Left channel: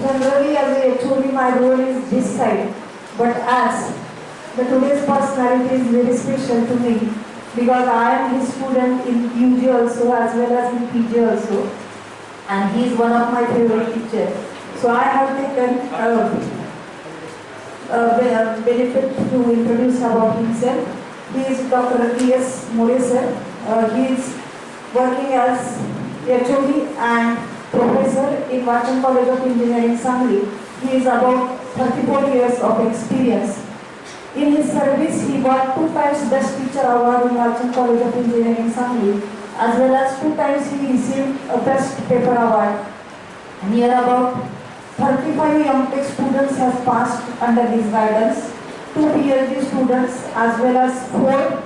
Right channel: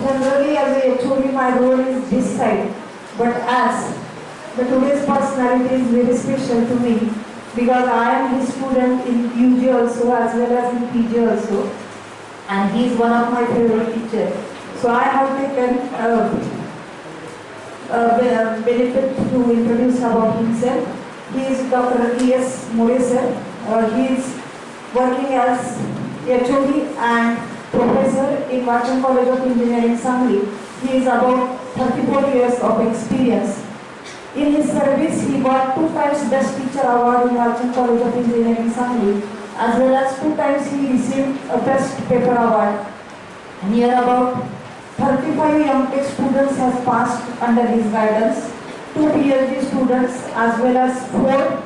generally as a HOD my role is this side, but as the today's personality is very special to me because I am his student in UG also as well as in PG also, and he is one of my favorite teachers. So I have taken benefit to introduce about himself. He is Dr. E.S. More sir. He is working as HOD and professor in Walchand College of Engineering, Sangli. He is about 34 years of experience. In his service, he got 2 times Best Teacher Award in Walchand College of Engineering, Sangli, as well as 2 times he received a Best Paper Award. Near about 35 young tech students have passed under his guidance, 2 PhD students as well as 4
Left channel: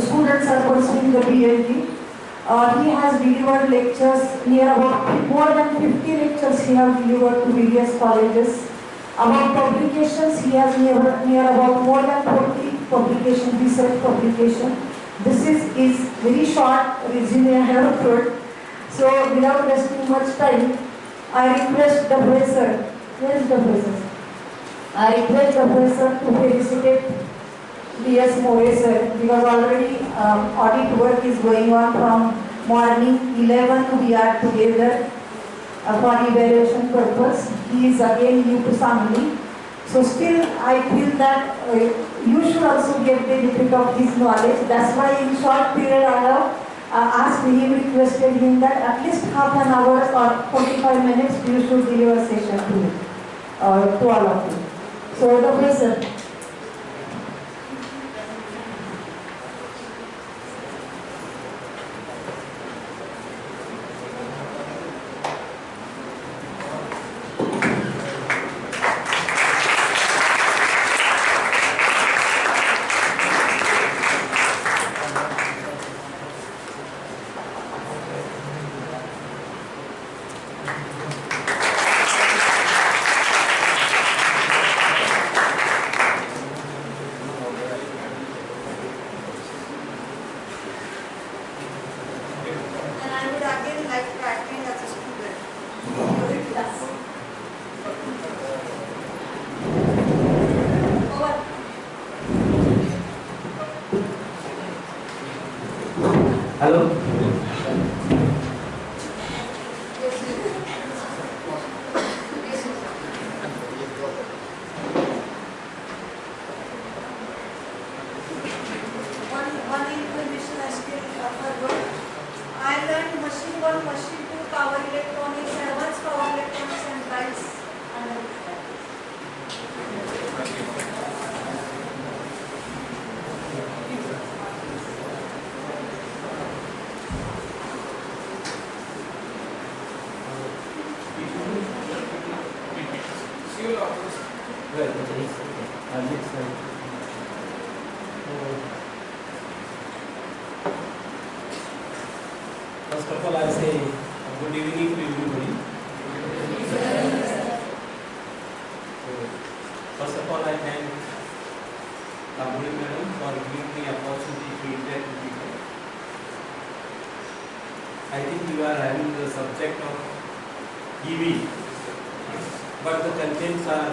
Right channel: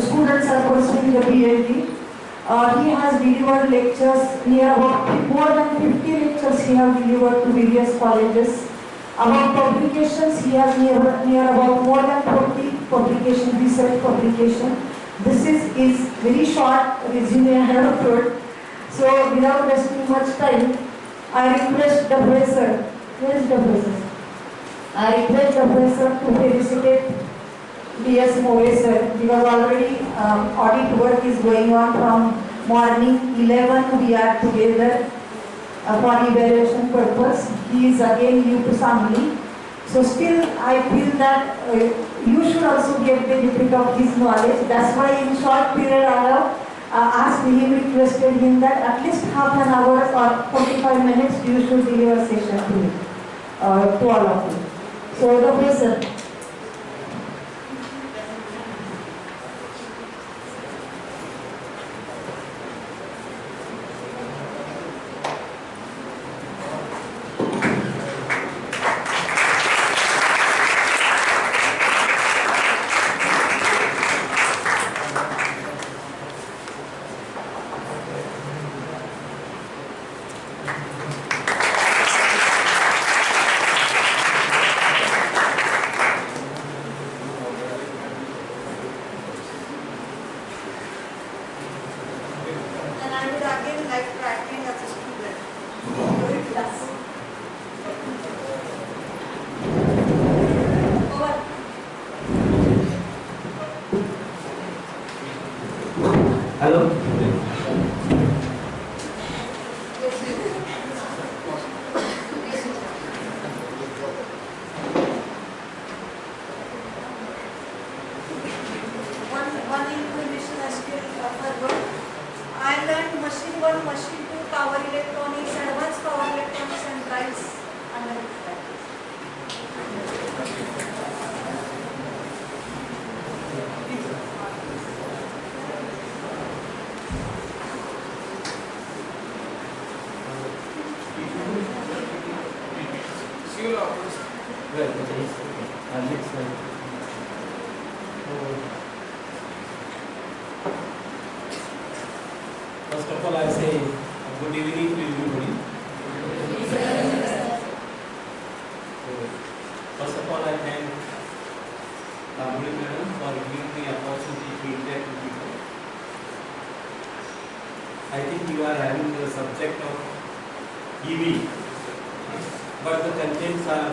students are pursuing the PhD. He has delivered lectures, near about more than 50 lectures he has delivered to various colleges. About publications, he has near about more than 40 publication, research publication. This is very short resume I have put. So without wasting much time, I request the professor, where is the professor? I request the professor to felicitate D.S. More sir, because already audit work is going on from morning 11 we are together for evaluation purpose. He is again new to Sangli. So still I feel that you should also get benefit of his knowledge. That's why in short period I have asked him, requested him that at least half an hour or 45 minutes you should deliver session to me, to all of you. So the professor. Hello. One information I still forgot. I learned machine 1, machine 2, power electronics, advanced power electronics and drives. First of all, I say good evening to everybody. So, first of all, I thank Sangli madam for giving me opportunity to interact with you. I think you are having the subject of EV, but the contents are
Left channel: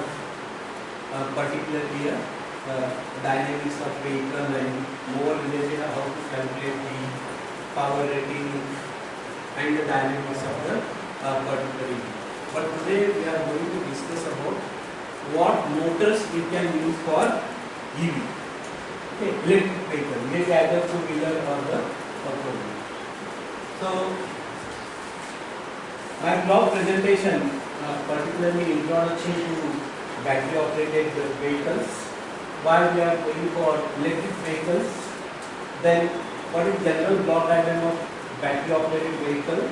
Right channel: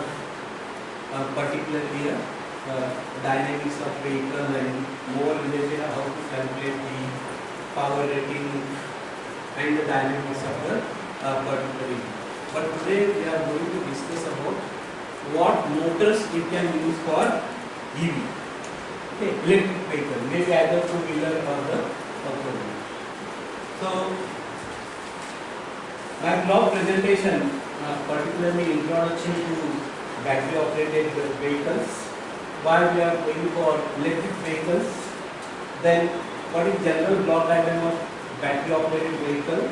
particularly dynamics of vehicle and more related how to calculate the power rating and the dynamics of the particular EV. But today we are going to discuss about what motors we can use for EV, okay, electric vehicle, maybe either 2-wheeler or the 4-wheeler. So my blog presentation, particularly introduction to battery operated vehicles, why we are going for electric vehicles, then what is general block diagram of battery operated vehicle,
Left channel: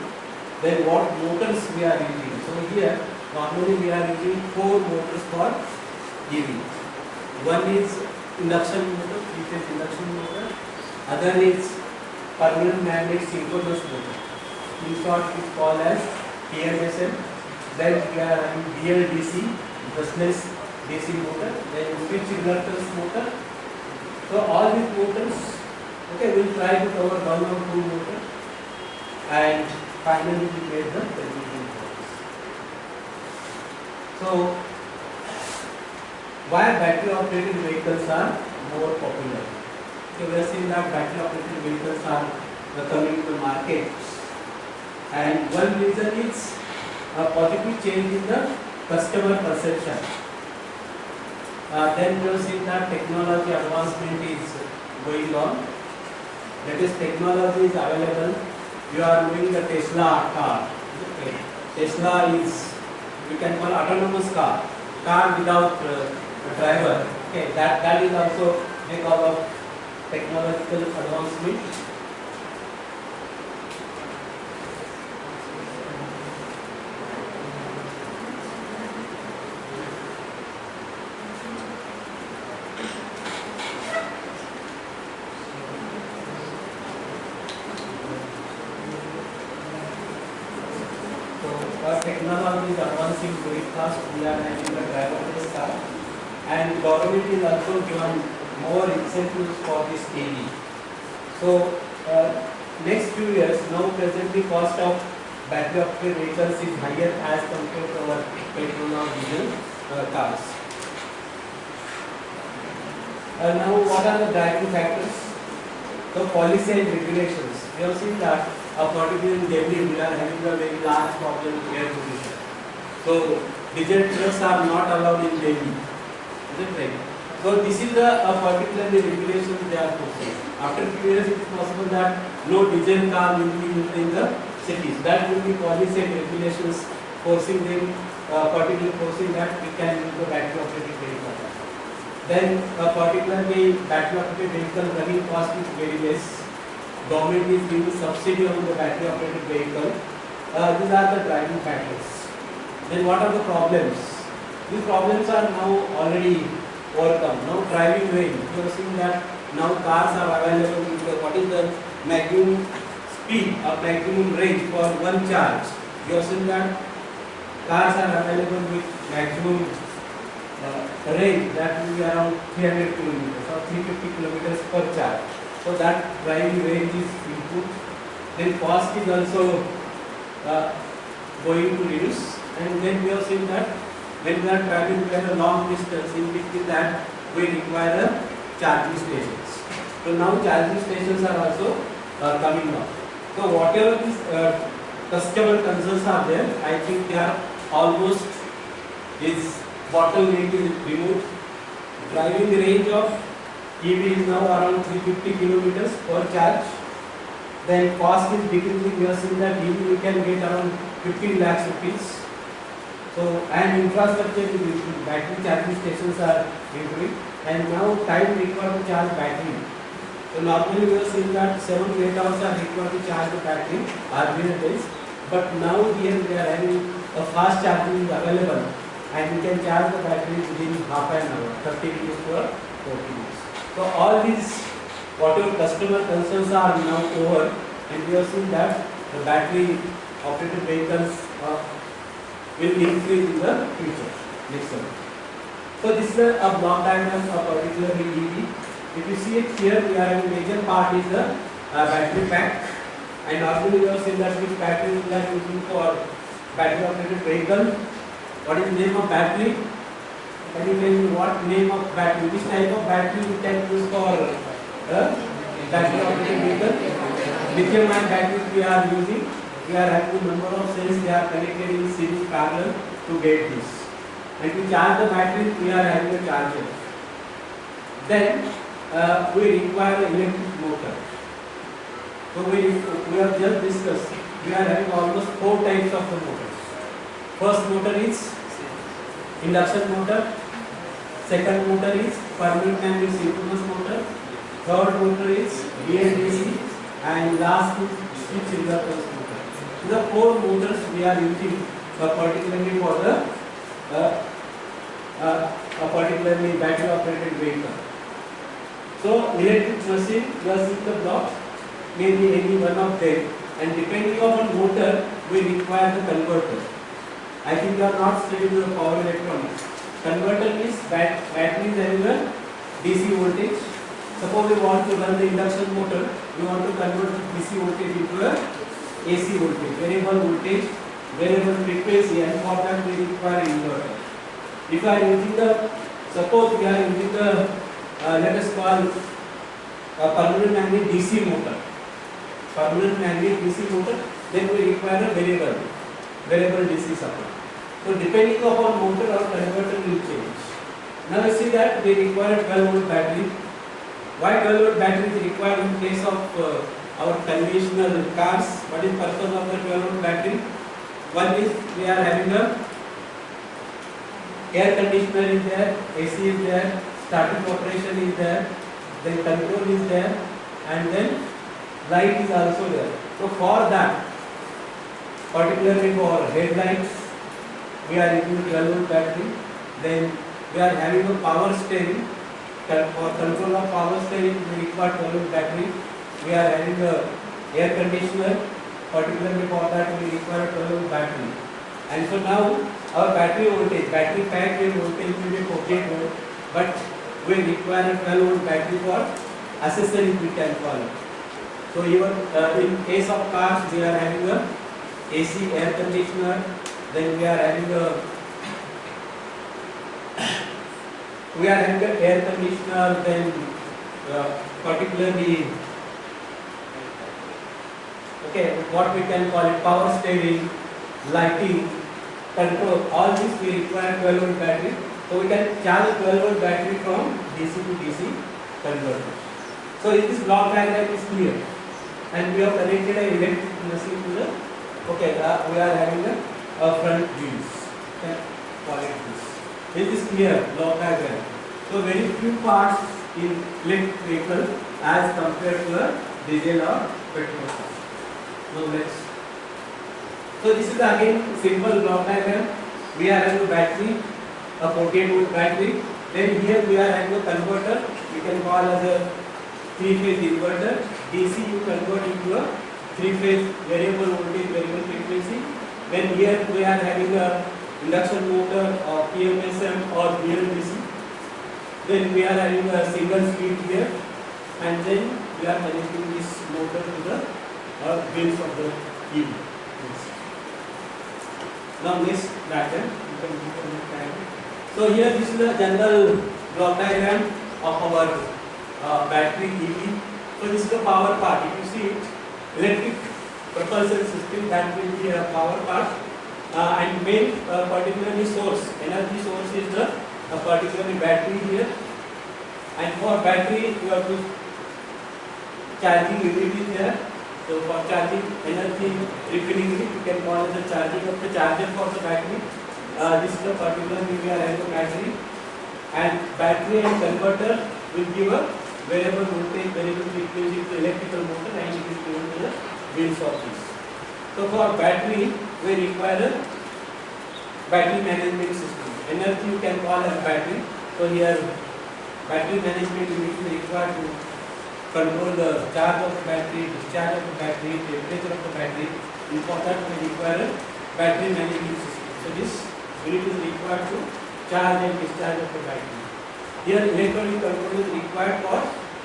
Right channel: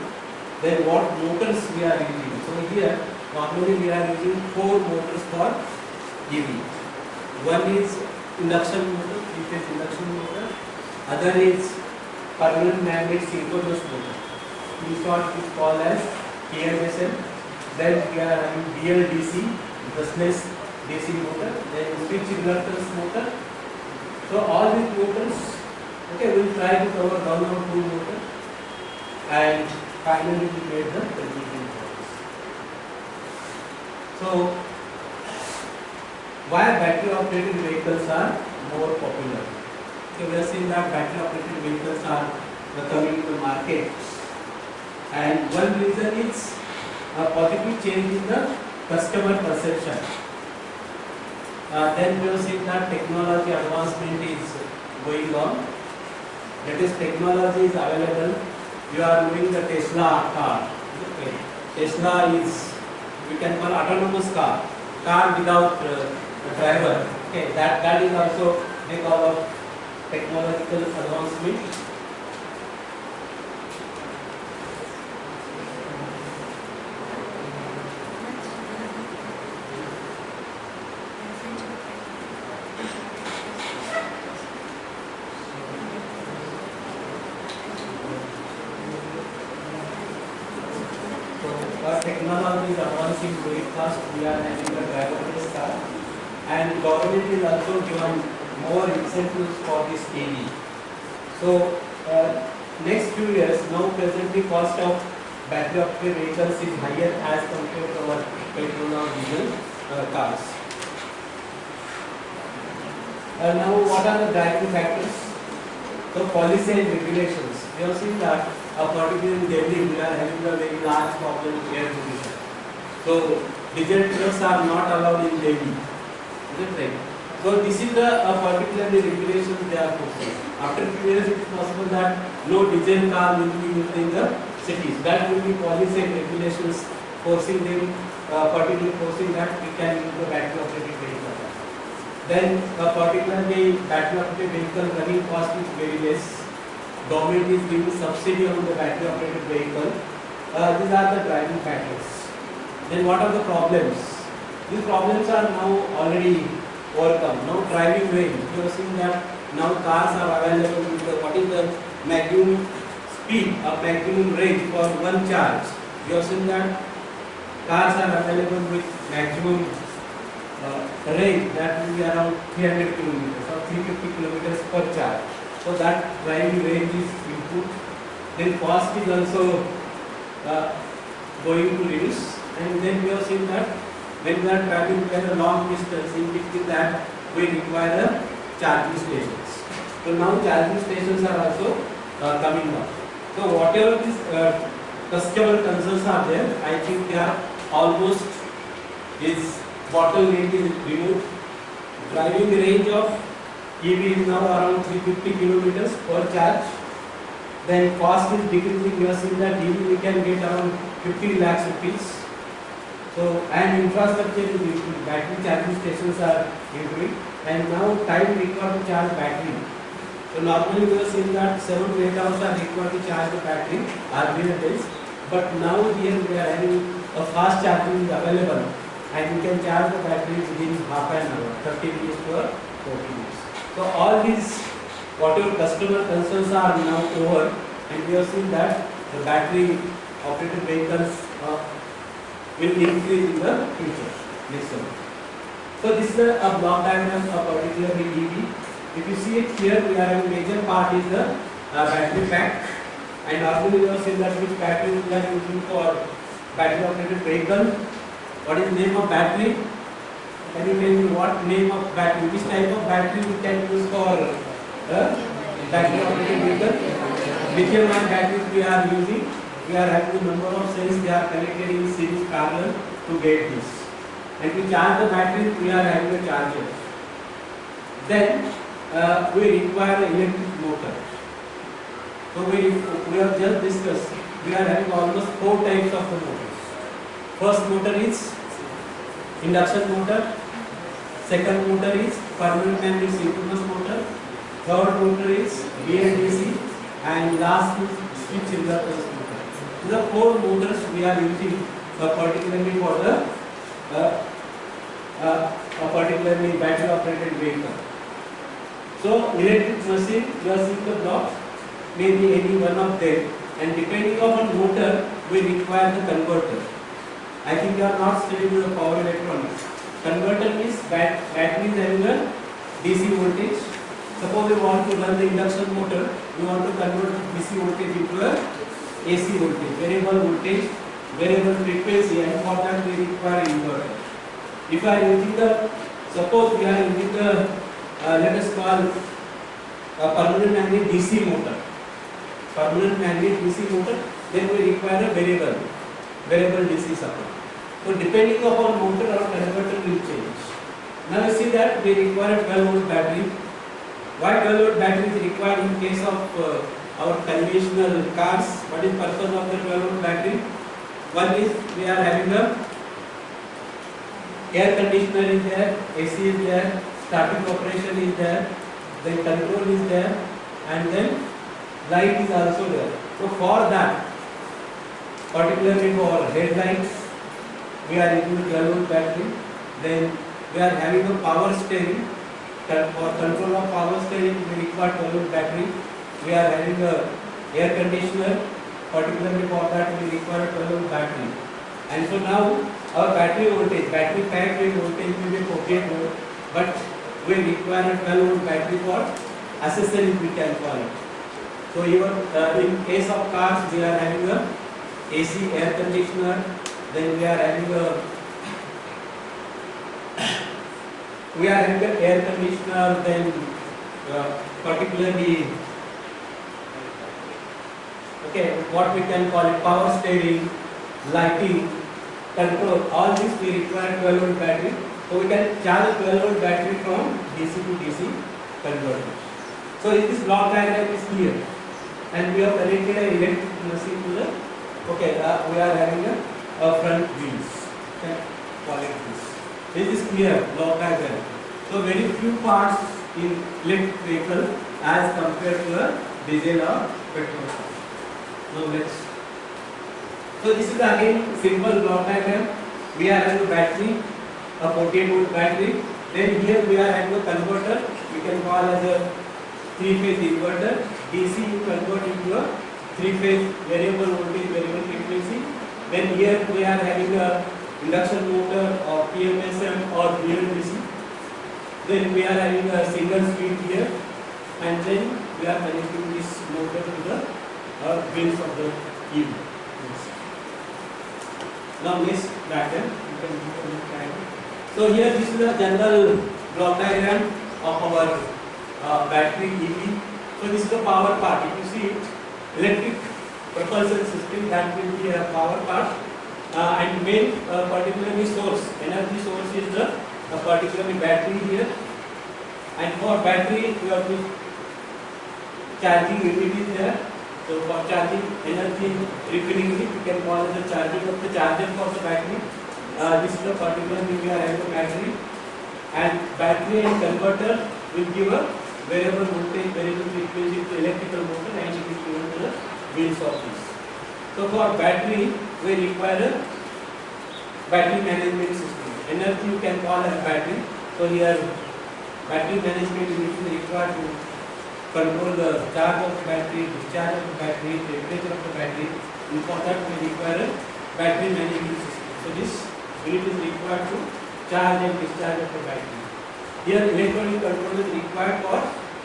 then what motors we are using. So here normally we are using 4 motors for EV. One is induction motor, 3-phase induction motor, other is permanent magnet synchronous motor, in short it is called as PMSM. Then we are having BLDC, brushless DC motor, then switch reluctance motor. So all these motors, okay, we will try to cover 1 or 2 motors, and finally we made the conclusion for this. So why battery operated vehicles are more popular? So we are seeing that battery operated vehicles are coming to the market, and one reason is a positive change in the customer perception. Then we have seen that technology advancement is going on. Latest technology is available. You are doing the Tesla car. Okay. Tesla is, we can call autonomous car without a driver. Okay, that is also because of technological advancement. Our technology is advancing very fast. We are having a driverless car, and government is also given more incentives for this EV. So next few years, now presently cost of battery operated vehicles is higher as compared to our petrol or diesel cars. Now what are the driving factors? So policy and regulations. We have seen that particularly in Delhi we are having a very large problem with air pollution. So diesel trucks are not allowed in Delhi. Is it right? So this is the particularly regulations they are posting. After few years it is possible that no diesel car will be used in the cities. That will be policy and regulations forcing them, particularly forcing that we can use the battery operated vehicle. Then particularly battery operated vehicle running cost is very less. Government is giving subsidy on the battery operated vehicle. These are the driving factors. Then what are the problems? These problems are now already overcome. Now driving range. You are seeing that now cars are available with the, what is the maximum speed or maximum range for one charge. You are seeing that cars are available with maximum range that will be around 300 kilometers or 350 kilometers per charge. So that driving range is improved. Then cost is also going to reduce. And then we have seen that when we are traveling a long distance, in between that we require charging stations. So now charging stations are also coming up. So whatever these customer concerns are there, I think they are almost is bottleneck is removed. Driving range of EV is now around 350 kilometers per charge. Then cost is decreasing. We have seen that EV we can get around 50 lakhs rupees. So and infrastructure is improving. Battery charging stations are improving, and now time required to charge battery. So normally we have seen that 7 to 8 hours are required to charge the battery earlier days, but now here we are having a fast charging is available, and we can charge the battery within half an hour, 30 minutes to 40 minutes. So all these whatever customer concerns are now over, and we have seen that the battery operated vehicles will increase in the future next year. So this is a block diagram of particularly EV. If you see it here, we are having major part is the battery pack, and normally we have seen that which battery we are using for battery operated vehicle. What is the name of battery? Can you tell me what name of battery? Which type of battery we can use for battery operated vehicle? Lithium ion batteries we are using. We are having a number of cells, they are connected in series parallel to get this. And to charge the battery, we are having a charger. Then we require an electric motor. So we have just discussed, we are having almost 4 types of the motors. First motor is induction motor. Second motor is permanent magnet synchronous motor. Third motor is BLDC. And last is switch reluctance motor. The 4 motors we are using particularly for the particularly battery operated vehicle. So electric machine, we are seeing the block, maybe any one of them, and depending upon motor, we require the converter. I think you are not studying the power electronics. Converter means battery is having a DC voltage. Suppose we want to run the induction motor, we want to convert DC voltage into a AC voltage, variable frequency, and for that we require inverter. If you are using the, suppose we are using the, let us call permanent magnet DC motor. Permanent magnet DC motor, then we require a variable DC supply. So depending upon motor, our converter will change. Now you see that we require a 12 volt battery. Why 12 volt battery is required in case of our conventional cars? What is purpose of the 12 volt battery? One is we are having a air conditioner is there, AC is there, static operation is there, then control is there, and then light is also there. So for that, particularly for headlights, we are using 12 volt battery. Then we are having a power steering. For control of power steering, we require 12 volt battery. We are having a air conditioner. Particularly for that, we require 12 volt battery. And so now our battery voltage, battery pack rate voltage will be 48 volt, but we require a 12 volt battery for accessories, we can call it. So even in case of cars, we are having a AC air conditioner. Then we are having a air conditioner. Then particularly what we can call it, power steering, lighting, control. All this we require 12 volt battery. So we can charge 12 volt battery from DC to DC converter. So this block diagram is clear, and we have connected a electric machine to the. We are having a front wheels. Call it this. This is clear block diagram. So very few parts in electric vehicle as compared to a diesel or petrol car. Now let's. So this is again simple block diagram. We are having a battery, a 48 volt battery. Then here we are having a converter. We can call as a 3-phase inverter. DC you convert into a 3-phase variable voltage, variable frequency. Then here we are having a induction motor or PMSM or BLDC. Then we are having a single speed here, and then we are connecting this motor to the wheels of the EV. Now next diagram, you can do the next diagram. So here this is the general block diagram of our battery EV. So this is the power part. If you see it, electric propulsion system, that will be a power part, and main particularly source, energy source is the particularly battery here. And for battery you have to charging unit is there. So for charging energy refilling it, you can call it the charging of the charger for the battery. This is the particularly we are having a battery, and battery and converter will give a variable voltage, variable frequency to electrical motor, and it is given to the wheels of this. So for battery, we require a battery management system. Energy you can call as battery. So here battery management unit is required to control the charge of the battery, discharge of the battery, temperature of the battery. And for that we require a battery management system. So this unit is required to charge and discharge of the battery. Here electronic control is required for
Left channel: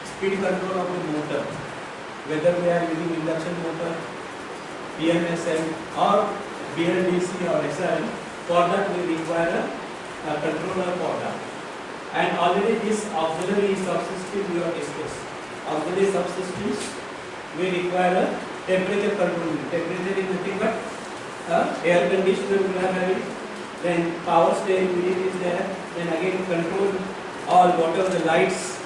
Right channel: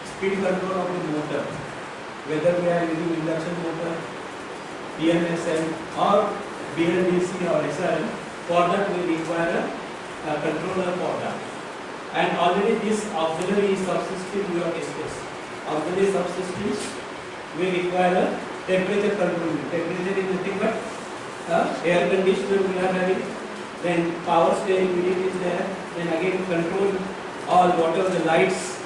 speed control of the motor. Whether we are using induction motor, PMSM or BLDC or SRM, for that we require a controller for that. And already this auxiliary subsystem we have discussed. Auxiliary subsystems, we require a temperature control. Temperature is nothing but air conditioner we are having, then power steering unit is there, then again control all whatever the lights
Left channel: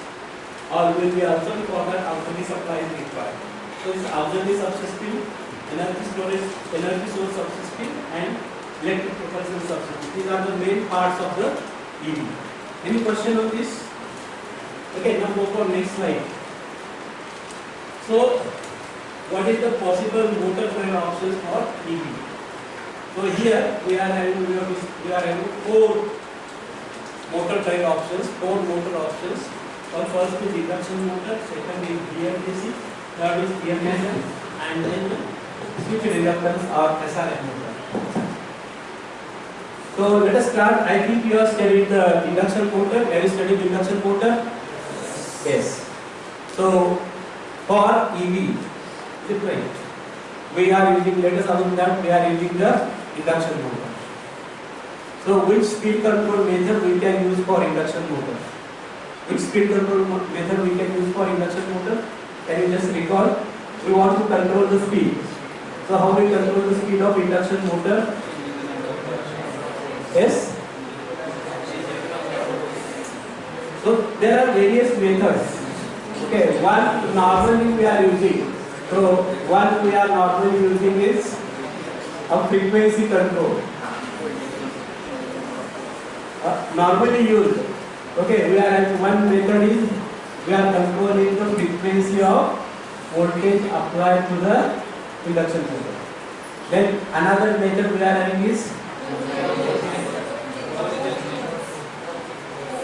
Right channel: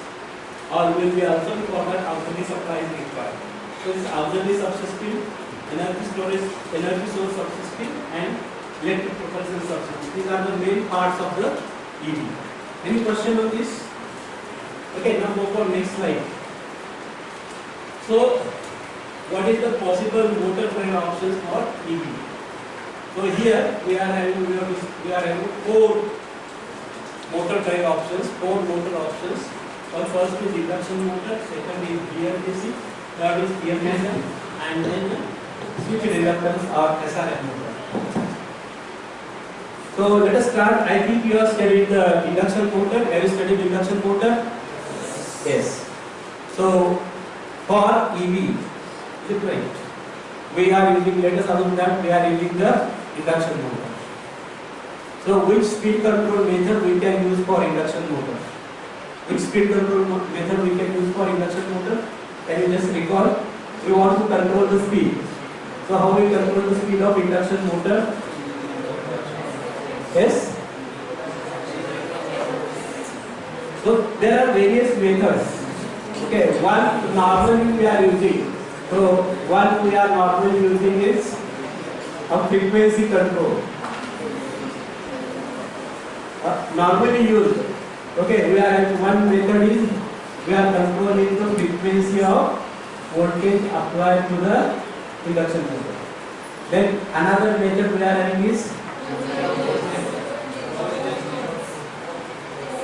all will be also for that auxiliary supply is required. So this auxiliary subsystem, energy storage, energy source subsystem, and electric propulsion subsystem. These are the main parts of the EV. Any question on this? Okay, now go for next slide. So, what is the possible motor drive options for EV? So here we are having 4 motor drive options, 4 motor options. First is induction motor, second is BLDC, third is PMSM, and then switch reluctance or SRM motor. So let us start. I think you have studied the induction motor. Have you studied induction motor? Yes. So for EV, right, we are using, let us assume that we are using the induction motor. So which speed control method we can use for induction motor? Which speed control method we can use for induction motor? Can you just recall? We want to control the speed. So how we control the speed of induction motor? Yes? So there are various methods. Okay, one normally we are using. So one we are normally using is a frequency control. Normally used. Okay, one method is we are controlling the frequency of voltage applied to the induction motor. Then another method we are having is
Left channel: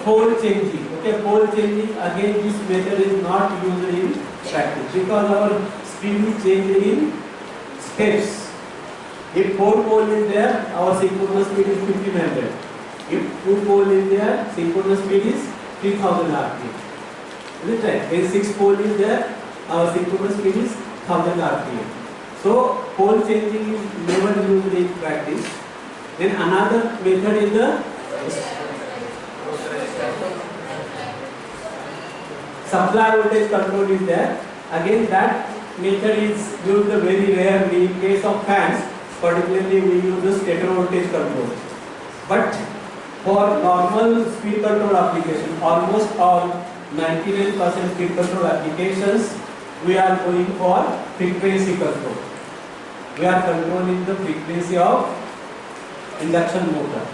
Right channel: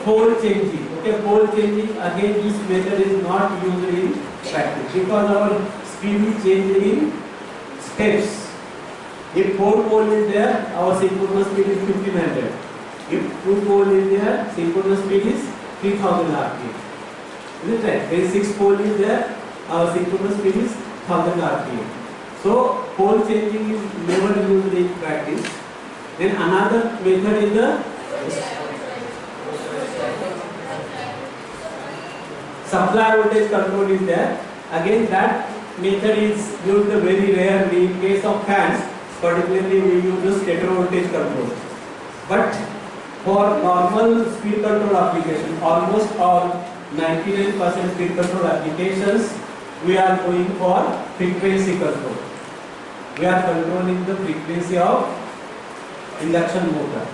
pole changing. Okay, pole changing, again this method is not used in practice because our speed is changed in steps. If 4 pole is there, our synchronous speed is 1500. If 2 pole is there, synchronous speed is 3000 rpm. Is it right? If 6 pole is there, our synchronous speed is 1000 rpm. So pole changing is never used in practice. Then another method is the supply voltage control is there. Again that method is used very rarely in case of fans. Particularly we use the stator voltage control. But for normal speed control application, almost all 99% speed control applications, we are going for frequency control. We are controlling the frequency of induction motor.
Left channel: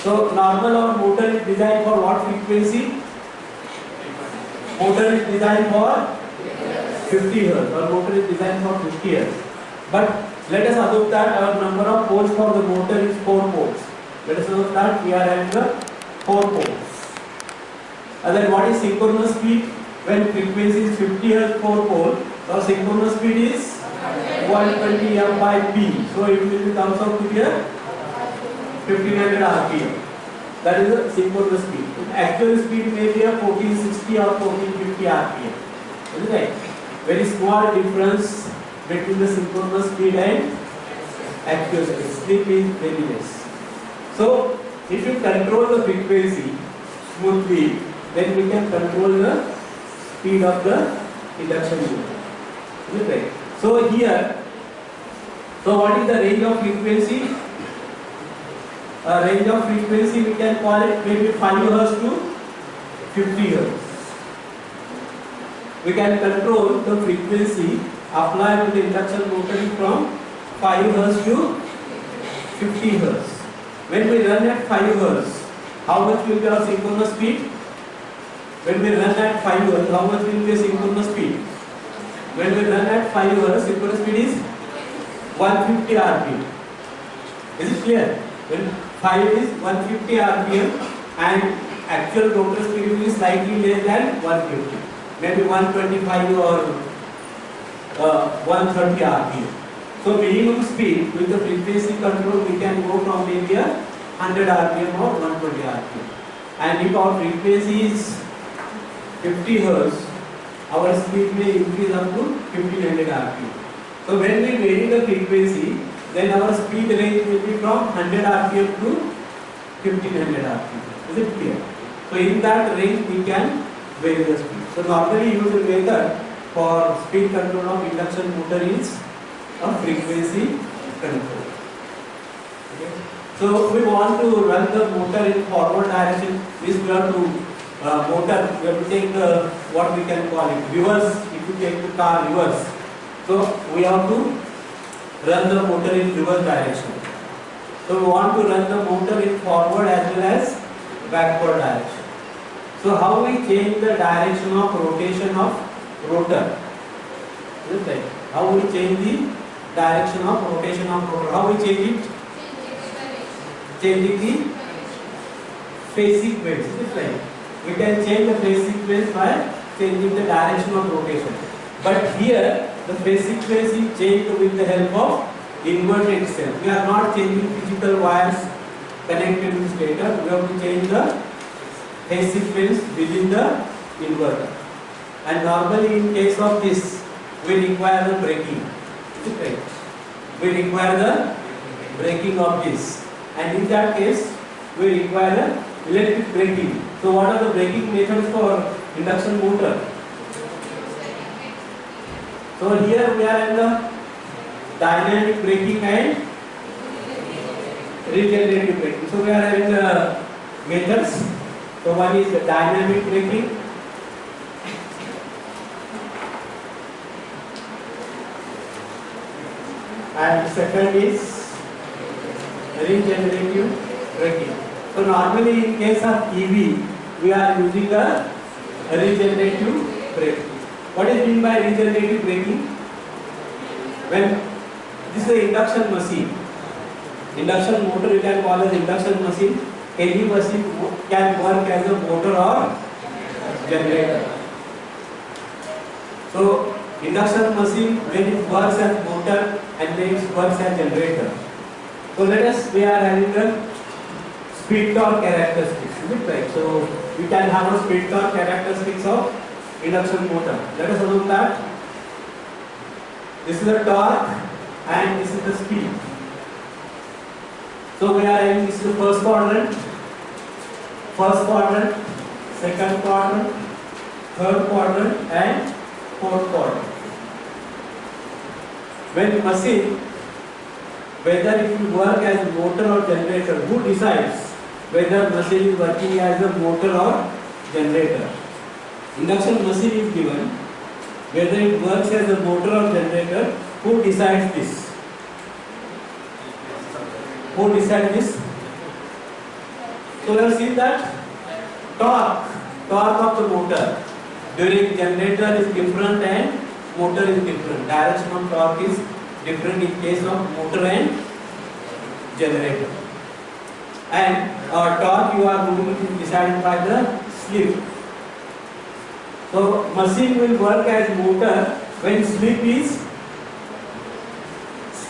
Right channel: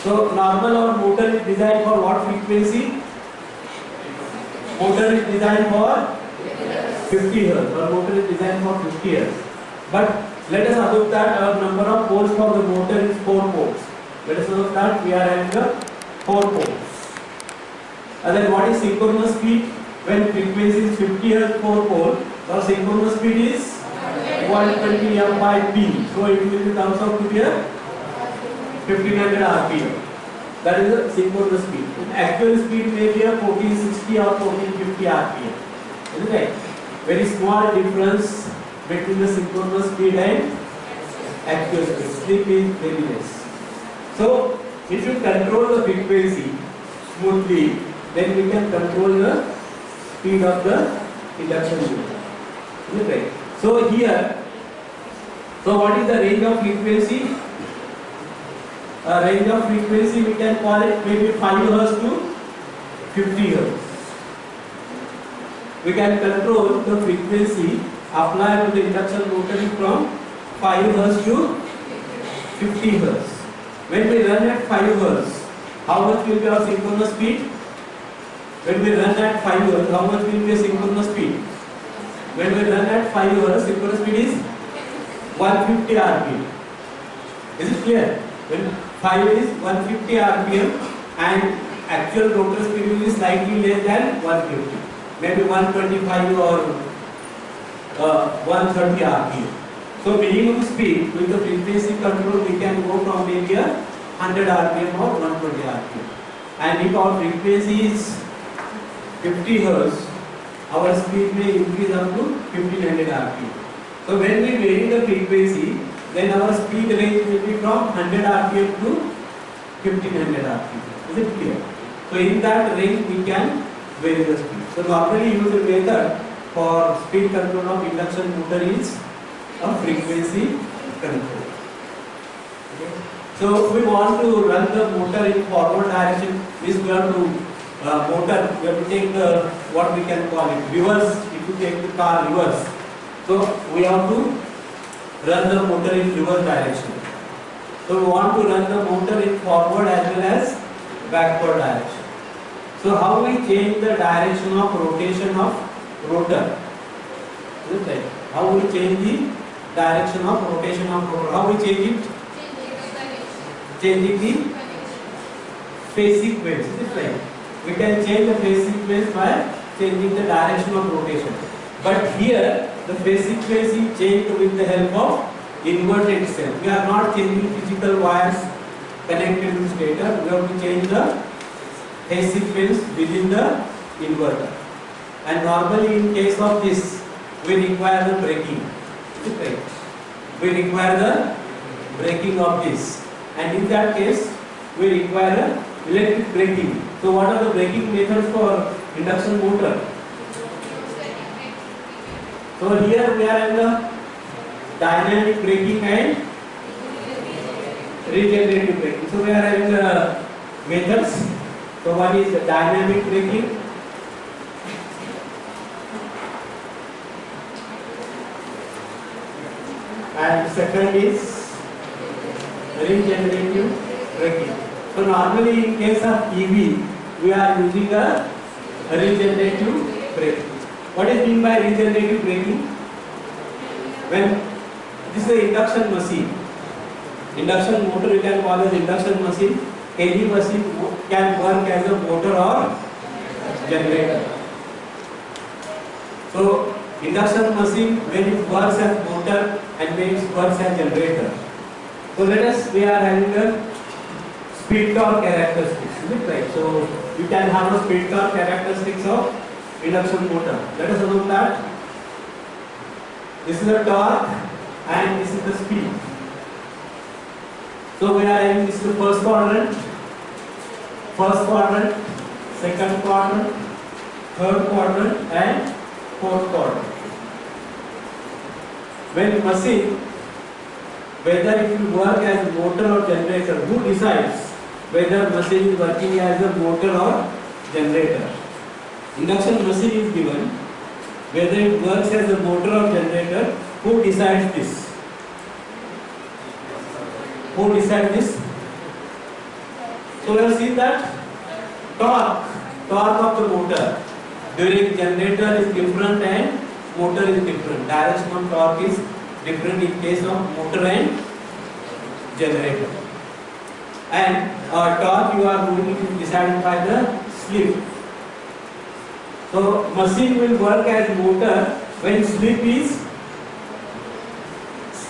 So normal our motor is designed for what frequency? Motor is designed for 50 Hz. Our motor is designed for 50 Hz. But let us assume that our number of poles for the motor is 4 poles. Let us assume that we are having 4 poles. And then what is synchronous speed? When frequency is 50 Hz 4 pole, our synchronous speed is 120 M by P. So it will comes out to be a 1500 rpm. That is the synchronous speed. Actual speed may be a 1460 or 1450 rpm. Is it right? Very small difference between the synchronous speed and actual speed. Slip is very less. So if you control the frequency smoothly, then we can control the speed of the induction motor. Is it right? So here, so what is the range of frequency? Range of frequency we can call it maybe 5 Hz to 50 Hz. We can control the frequency applied to the induction motor from 5 Hz to 50 Hz. When we run at 5 Hz, how much will be our synchronous speed? When we run at 5 Hz, how much will be synchronous speed? When we run at 5 Hz, synchronous speed is 150 rpm. Is it clear? When 5 is 150 rpm and actual rotor speed will be slightly less than 150, maybe 125 or 130 rpm. So minimum speed with the frequency control we can go from maybe 100 rpm or 120 rpm. And if our frequency is 50 Hz, our speed may increase up to 1500 rpm. So when we vary the frequency, then our speed range will be from 100 rpm to 1500 rpm. Is it clear? So in that range we can vary the speed. So normally used method for speed control of induction motor is a frequency control. Okay. So we want to run the motor in forward direction. Means we have to motor. We have to take the what we can call it reverse. If you take the car reverse, so we have to run the motor in reverse direction. So we want to run the motor in forward as well as backward direction. So how we change the direction of rotation of rotor? Is it right? How we change the direction of rotation of rotor? How we change it? Changing the phase sequence. Is it right? We can change the phase sequence by changing the direction of rotation. But here the phase sequence is changed with the help of inverted cell. We are not changing physical wires connected to stator. We have to change the phase sequence within the inverter. And normally in case of this, we require the braking. Is it right? We require the braking of this. And in that case, we require electric braking. So what are the braking methods for induction motor? So here we are in the dynamic braking and regenerative braking. So we are having the methods. So one is the dynamic braking, and second is regenerative braking. So normally in case of EV, we are using a regenerative braking. What is meant by regenerative braking? When this is an induction machine, induction motor you can call as induction machine. Any machine can work as a motor or generator. So induction machine, when it works as motor and when it works as generator. So let us, we are having a speed torque characteristics, is it right? So you can have a speed torque characteristics of induction motor. Let us assume that this is the torque and this is the speed. So we are having this is the first quadrant, second quadrant, third quadrant and fourth quadrant. When machine, whether it will work as motor or generator, who decides whether machine is working as a motor or generator? Induction machine is given, whether it works as a motor or generator, who decides this? Who decides this? So we have seen that torque of the motor during generator is different and motor is different. Direction of torque is different in case of motor and generator. And torque you are going to decide by the slip. So machine will work as motor when slip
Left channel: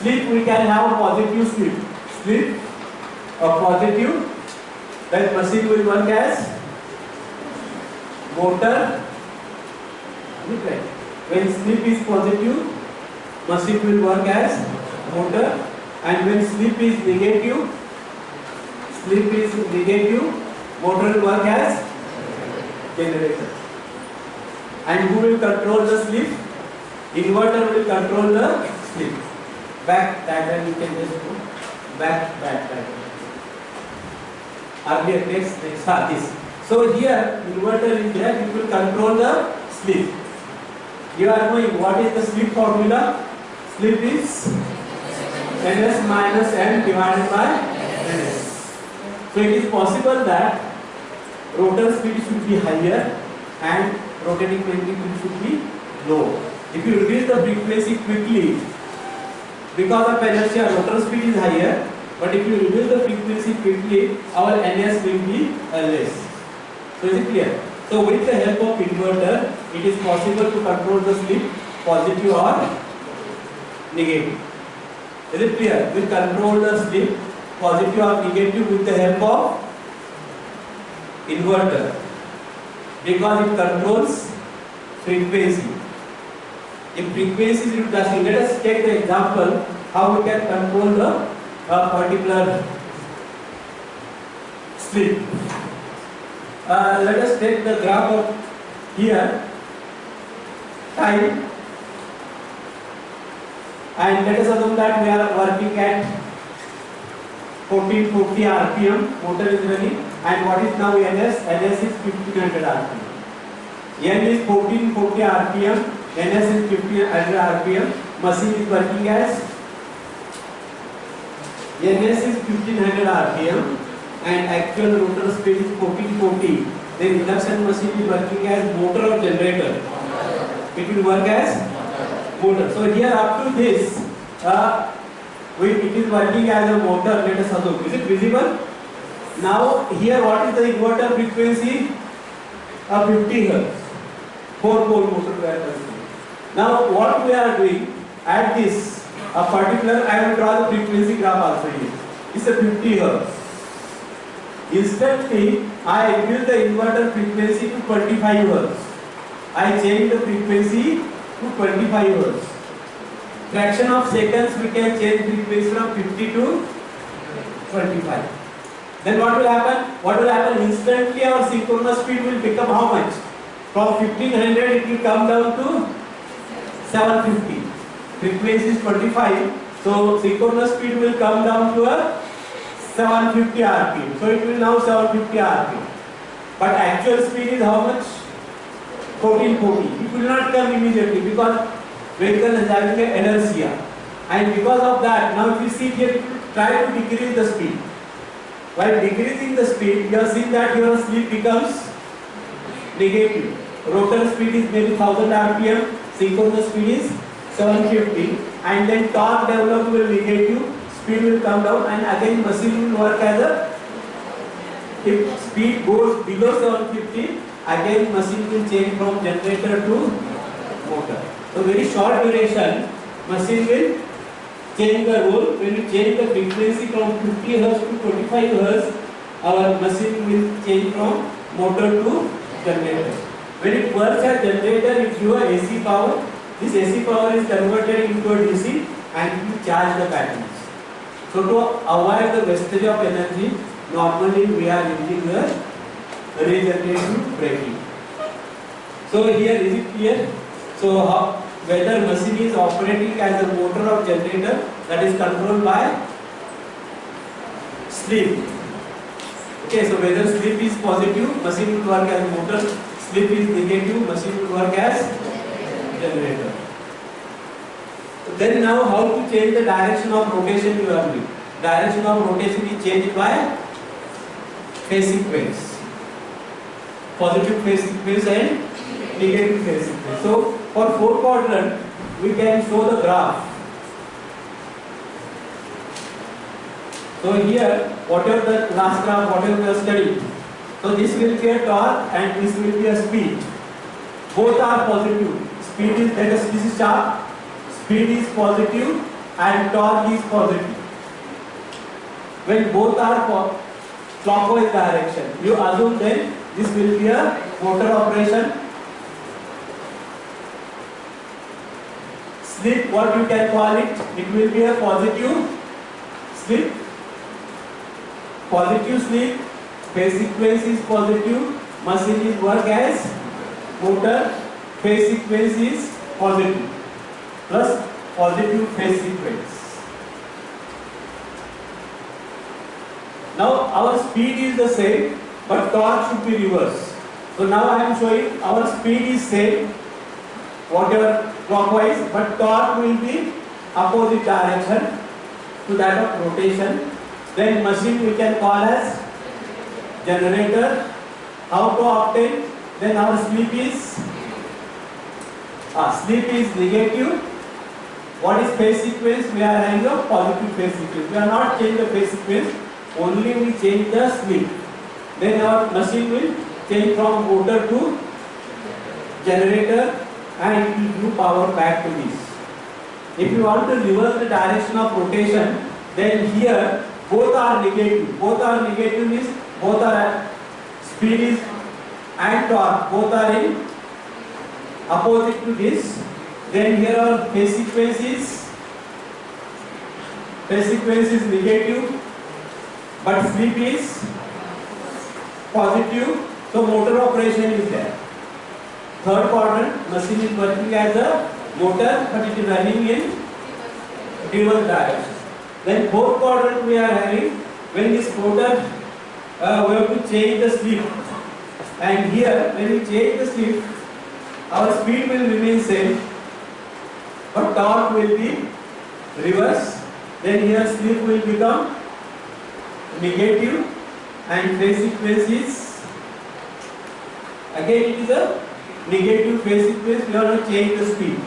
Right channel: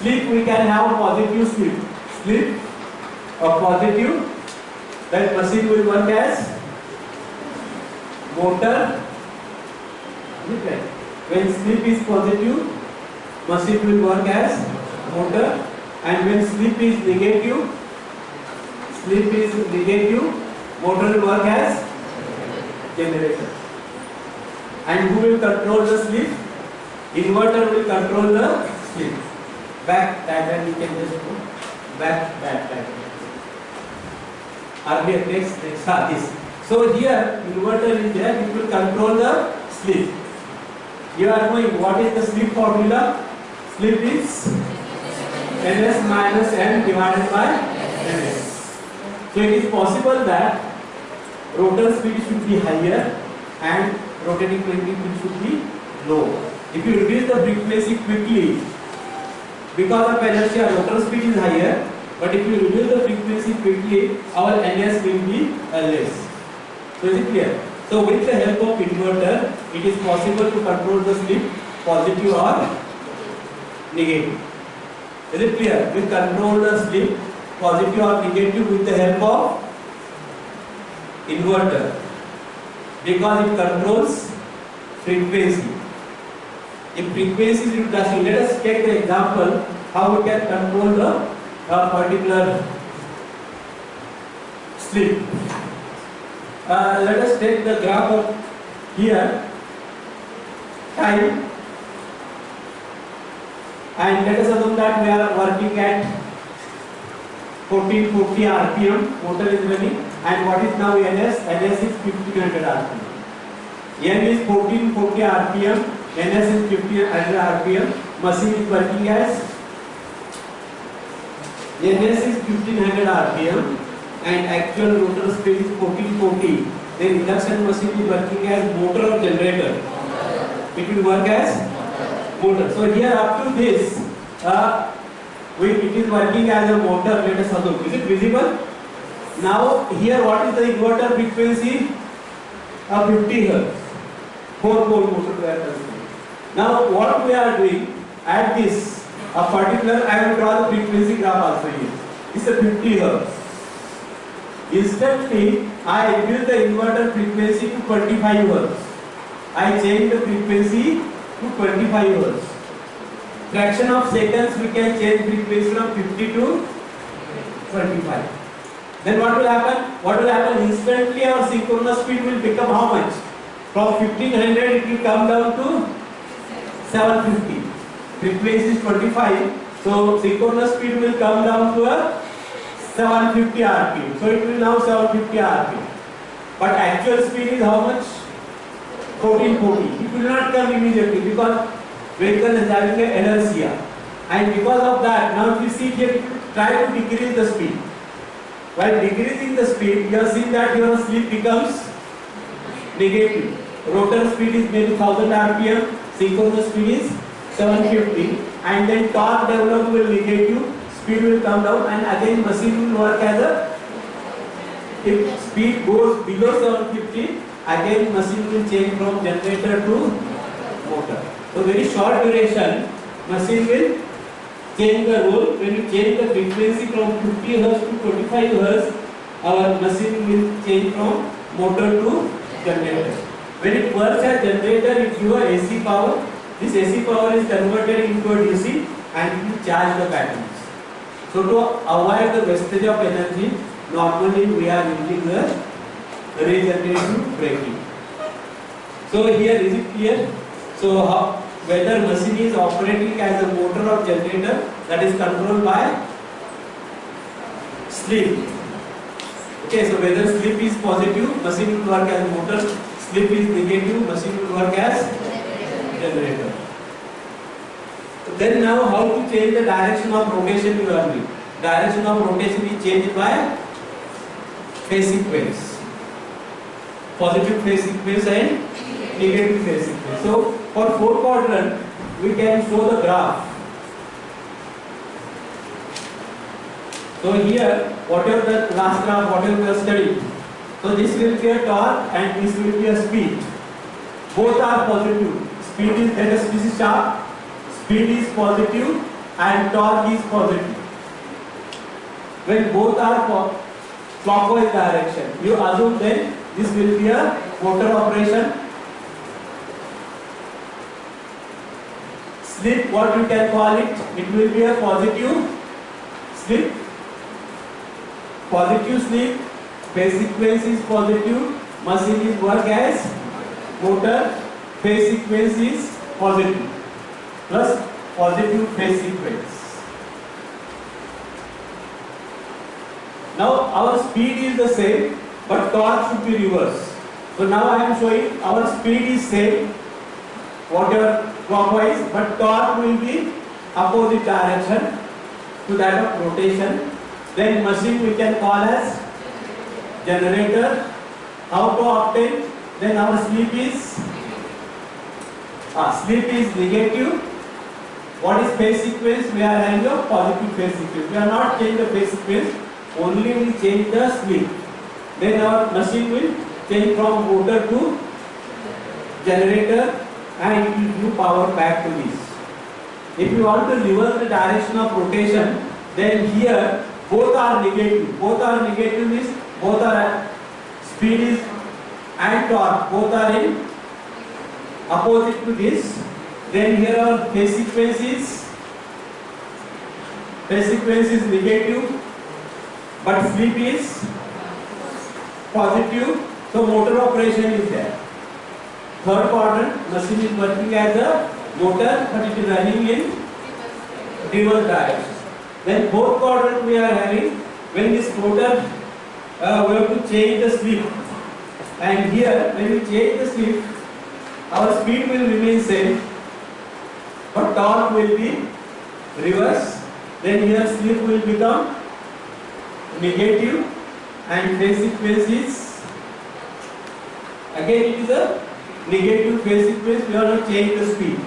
we can have positive slip or positive, then machine will work as motor. When slip is positive, machine will work as motor, and when slip is negative, motor will work as generator. And who will control the slip? Inverter will control the slip. Back diagram you can just go. Back diagram. Earlier next this. So here inverter is there, it will control the slip. You are knowing what is the slip formula? Slip is ns minus m divided by ns. So it is possible that rotor speed should be higher and rotating frequency should be low. If you reduce the frequency quickly, because of inertia, rotor speed is higher, but if you reduce the frequency quickly, our ns will be less. So is it clear? So with the help of inverter, it is possible to control the slip positive or negative. Is it clear? We control the slip positive or negative with the help of inverter, because it controls frequency. If frequency is reducing, let us take the example how we can control the particular slip. Let us take the graph of here time, and let us assume that we are working at 1440 rpm, motor is running, and what is now ns? Ns is 1500 rpm. N is 1440 rpm, ns is 1500 rpm, machine is working as ns is 1500 rpm and actual rotor speed is 1440. Then induction machine is working as motor or generator? It will work as motor. So here up to this, it is working as a motor. Let us assume. Is it visible? Now here what is the inverter frequency? 50 Hz. 4-pole motor we are considering. Now what we are doing at this particular, I will draw the frequency graph also here. It's a 50 Hz. Instantly I increase the inverter frequency to 25 Hz. I change the frequency to 25 Hz. Fraction of seconds we can change frequency from 50 to 25. Then what will happen? What will happen? Instantly our synchronous speed will become how much? From 1500 it will come down to 750. Frequency is 25. So synchronous speed will come down to a 750 rpm. So it will now 750 rpm. But actual speed is how much? 1440. It will not come immediately because vehicle is having an inertia. And because of that, now if you see here, it will try to decrease the speed. While decreasing the speed, you have seen that your slip becomes negative. Rotor speed is maybe 1000 rpm, synchronous speed is 750, and then torque developed will negative, speed will come down, and again machine will work as a, if speed goes below 750, again machine will change from generator to motor. So very short duration, machine will change the role. When you change the frequency from 50 Hz to 25 Hz, our machine will change from motor to generator. When it works as generator, it gives AC power. This AC power is converted into a DC and it will charge the batteries. So to avoid the wastage of energy, normally we are using the regenerative braking. So here is it clear? So whether machine is operating as a motor or generator, that is controlled by slip. Okay, so whether slip is positive, machine will work as motor. Slip is negative, machine will work as generator. Then now how to change the direction of rotation you are doing. Direction of rotation is changed by phase sequence. Positive phase sequence and negative phase sequence. So for 4 quadrant we can show the graph. So here whatever the last graph, whatever we have studied. So this will be a torque and this will be a speed. Both are positive. Speed is, this is sharp. Speed is positive and torque is positive. When both are clockwise direction, you assume then this will be a motor operation. Slip, what you can call it? It will be a positive slip. Positive slip. Phase sequence is positive. Machine is work as motor. Phase sequence is positive. Plus positive phase sequence. Now our speed is the same, but torque should be reversed. So now I am showing our speed is same, whatever clockwise, but torque will be opposite direction to that of rotation. Then machine we can call as generator. How to obtain? Then our slip is negative. What is phase sequence? We are having a positive phase sequence. We are not changing the phase sequence, only we change the slip. Then our machine will change from motor to generator and it will give power back to this. If you want to reverse the direction of rotation, then here both are negative. Both are negative means both are speed is and torque, both are in opposite to this. Then here our phase sequence is negative, but slip is positive. So motor operation is there. Third quadrant, machine is working as a motor, but it is running in reverse direction. Then fourth quadrant we are having, when this motor we have to change the slip, and here when we change the slip, our speed will remain same, but torque will be reverse. Then here slip will become negative and phase sequence is again it is a negative phase sequence. We have to change the speed.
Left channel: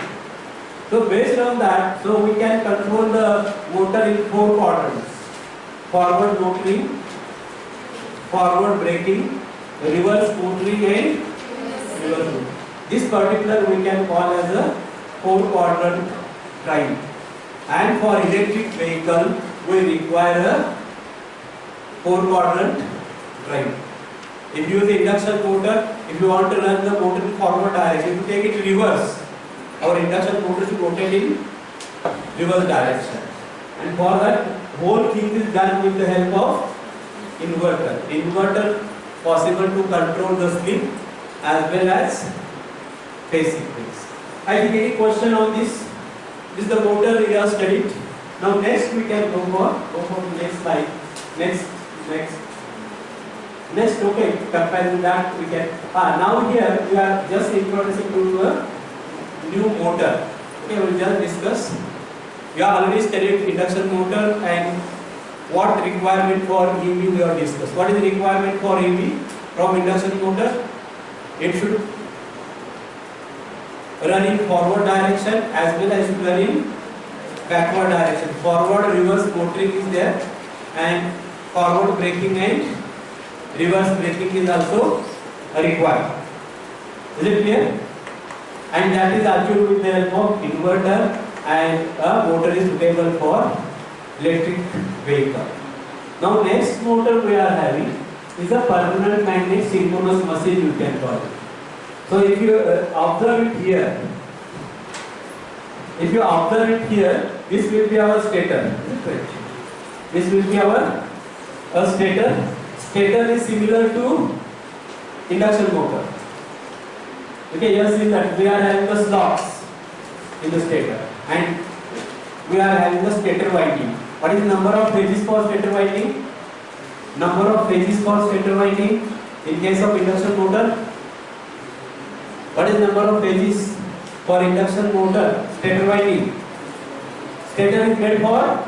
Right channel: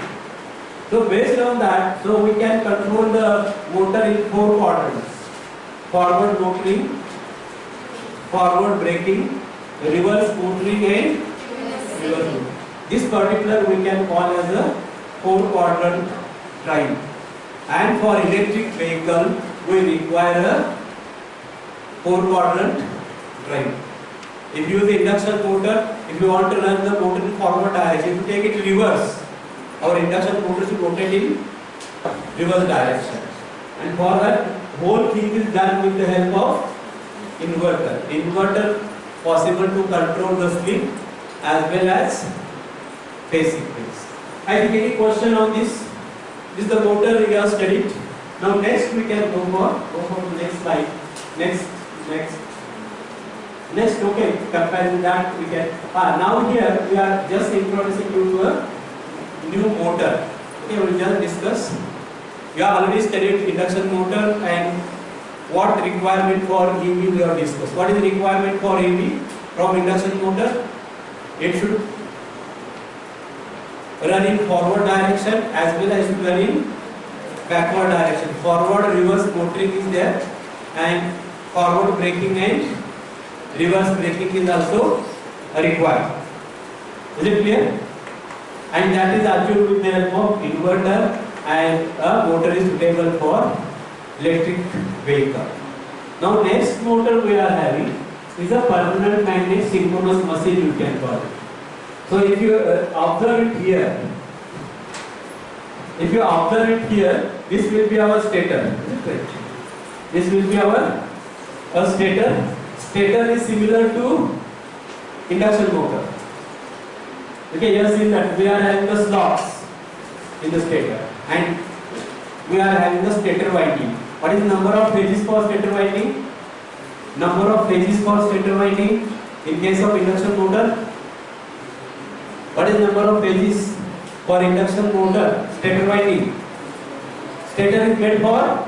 So based on that, so we can control the motor in 4 quadrants: forward motoring, forward braking, reverse motoring and reverse motoring. This particular we can call as a 4 quadrant drive. And for electric vehicle we require a 4 quadrant drive. If you use the induction motor, if you want to run the motor in forward direction, if you take it reverse, our induction motor should rotate in reverse direction. And for that, whole thing is done with the help of inverter. Inverter possible to control the slip as well as phase sequence. I think any question on this? This is the motor we have studied. Now next we can go for the next slide. Next. Okay, comparing that we can. Now here we are just introducing to a new motor. Okay, we will just discuss. We have already studied induction motor and what requirement for EV we have discussed. What is the requirement for EV from induction motor? It should run in forward direction as well as run in backward direction. Forward reverse motoring is there, and forward braking and reverse braking is also required. Is it clear? And that is achieved with the help of inverter, and a motor is suitable for electric vehicle. Now next motor we are having is a permanent magnet synchronous machine, you can call it. So if you observe it here, this will be our stator. Is it right? This will be our stator. Stator is similar to induction motor. Okay, you have seen that we are having the slots in the stator, and we are having the stator winding. What is the number of phases for stator winding? Number of phases for stator winding in case of induction motor. What is number of phases for induction motor stator winding? Stator is made for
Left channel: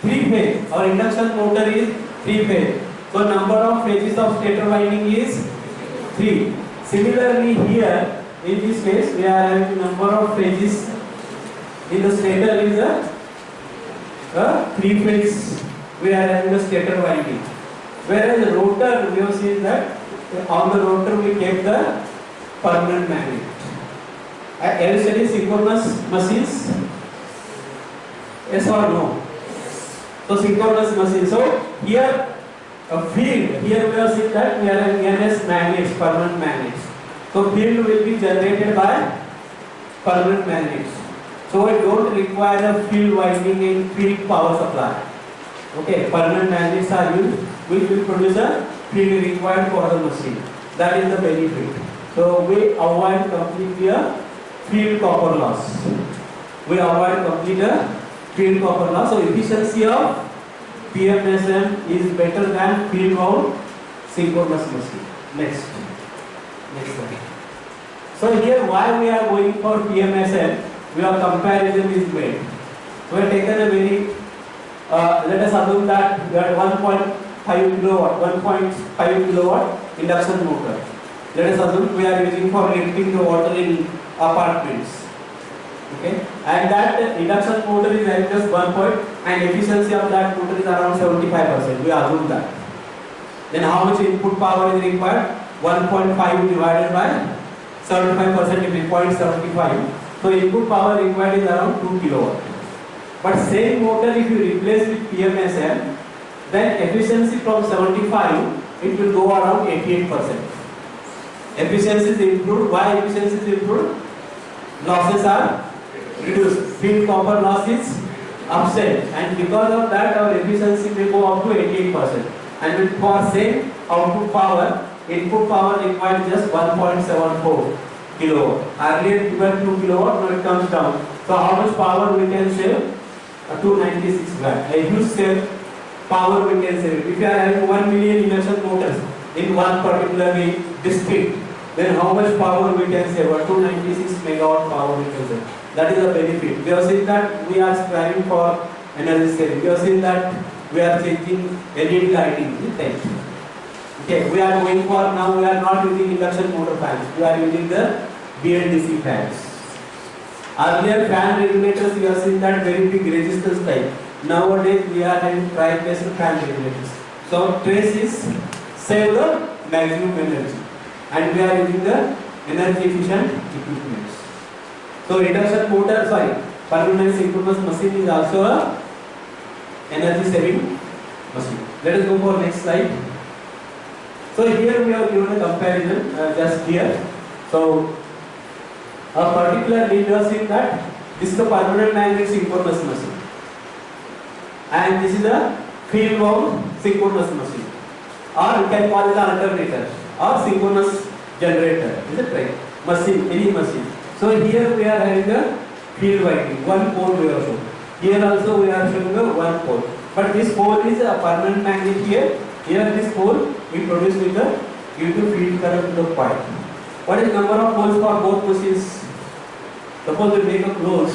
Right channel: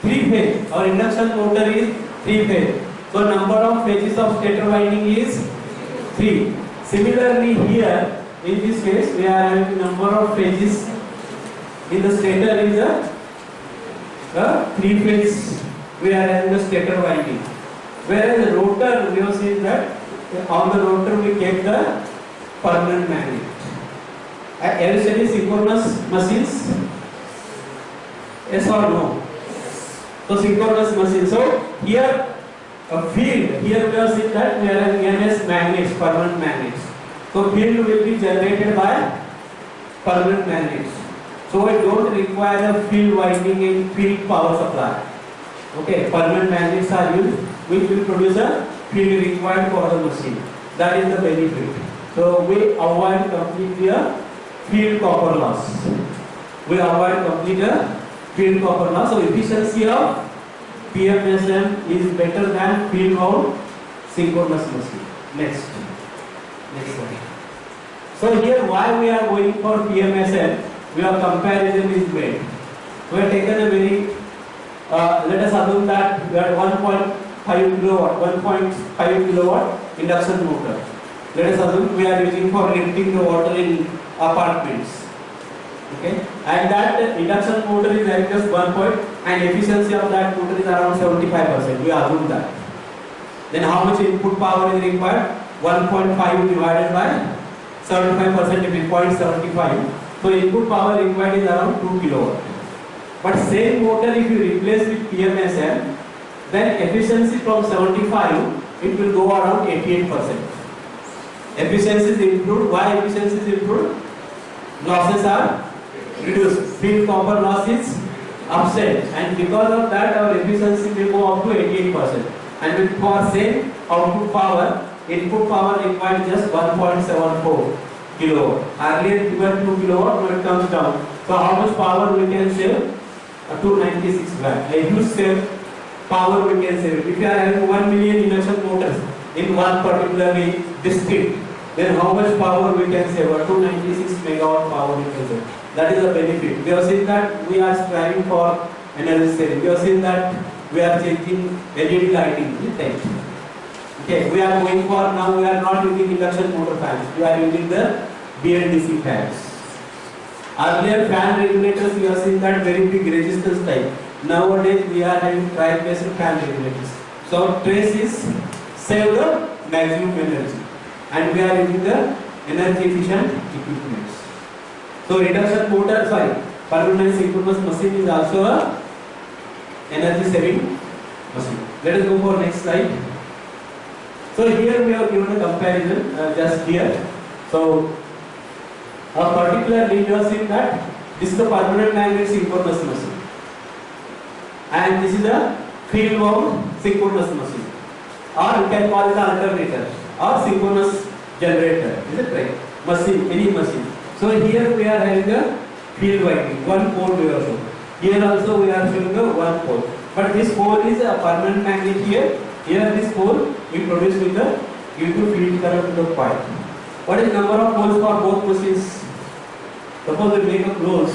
3 phase. Our induction motor is 3 phase. So number of phases of stator winding is 3. Similarly here in this case we are having number of phases in the stator is a 3 phase. We are having the stator winding. Whereas the rotor, we have seen that on the rotor we kept the permanent magnet. Have you studied synchronous machines? Yes or no? So synchronous machine. So here a field, here we have seen that we are having NS magnets, permanent magnets. So field will be generated by permanent magnets. So it don't require a field winding and field power supply. Okay, permanent magnets are used, which will produce a field required for the machine. That is the benefit. So we avoid completely a field copper loss. We avoid complete a field copper loss. So efficiency of PMSM is better than field wound synchronous machine. Next slide. So here why we are going for PMSM? We have comparison is made. We have taken a very let us assume that we are 1.5 kilowatt induction motor. Let us assume we are using for lifting the water in apartments. Okay, and that induction motor is having just 1 point, and efficiency of that motor is around 75%. We assume that. Then how much input power is required? 1.5 divided by 75% is 0.75. So input power required is around 2 kilowatt. But same motor if you replace with PMSM, then efficiency from 75 it will go around 88%. Efficiency is improved. Why efficiency is improved? Losses are reduced. Field copper loss is upset, and because of that our efficiency may go up to 88%. And with for same output power, input power required just 1.74 kilowatt. Earlier given 2 kilowatt, now it comes down. So how much power we can save? 296 watt. A huge save power we can save. If you are having 1 million induction motors in one particular district, then how much power we can save? 296 megawatt power we can save. That is a benefit. We have seen that we are striving for energy saving. We have seen that we are changing LED lighting. Okay, we are going for now. We are not using induction motor fans. We are using the BLDC fans. Earlier fan regulators, we have seen that very big resistance type. Nowadays we are having tri-phase fan regulators. So trace is save the maximum energy, and we are using the energy efficient equipments. So reduction motor, permanent synchronous machine is also a energy saving machine. Let us go for next slide. So here we have given a comparison just here. So a particular we have seen that this is the permanent magnet synchronous machine, and this is a field wound synchronous machine. or you can call it an alternator or synchronous generator. Is it right? Machine, any machine. So here we are having a field winding, one pole we are showing. Here also we are showing a one pole. But this pole is a permanent magnet here. Here this pole we produce with the due to field current to the coil. What is number of poles for both machines? Suppose we make a close.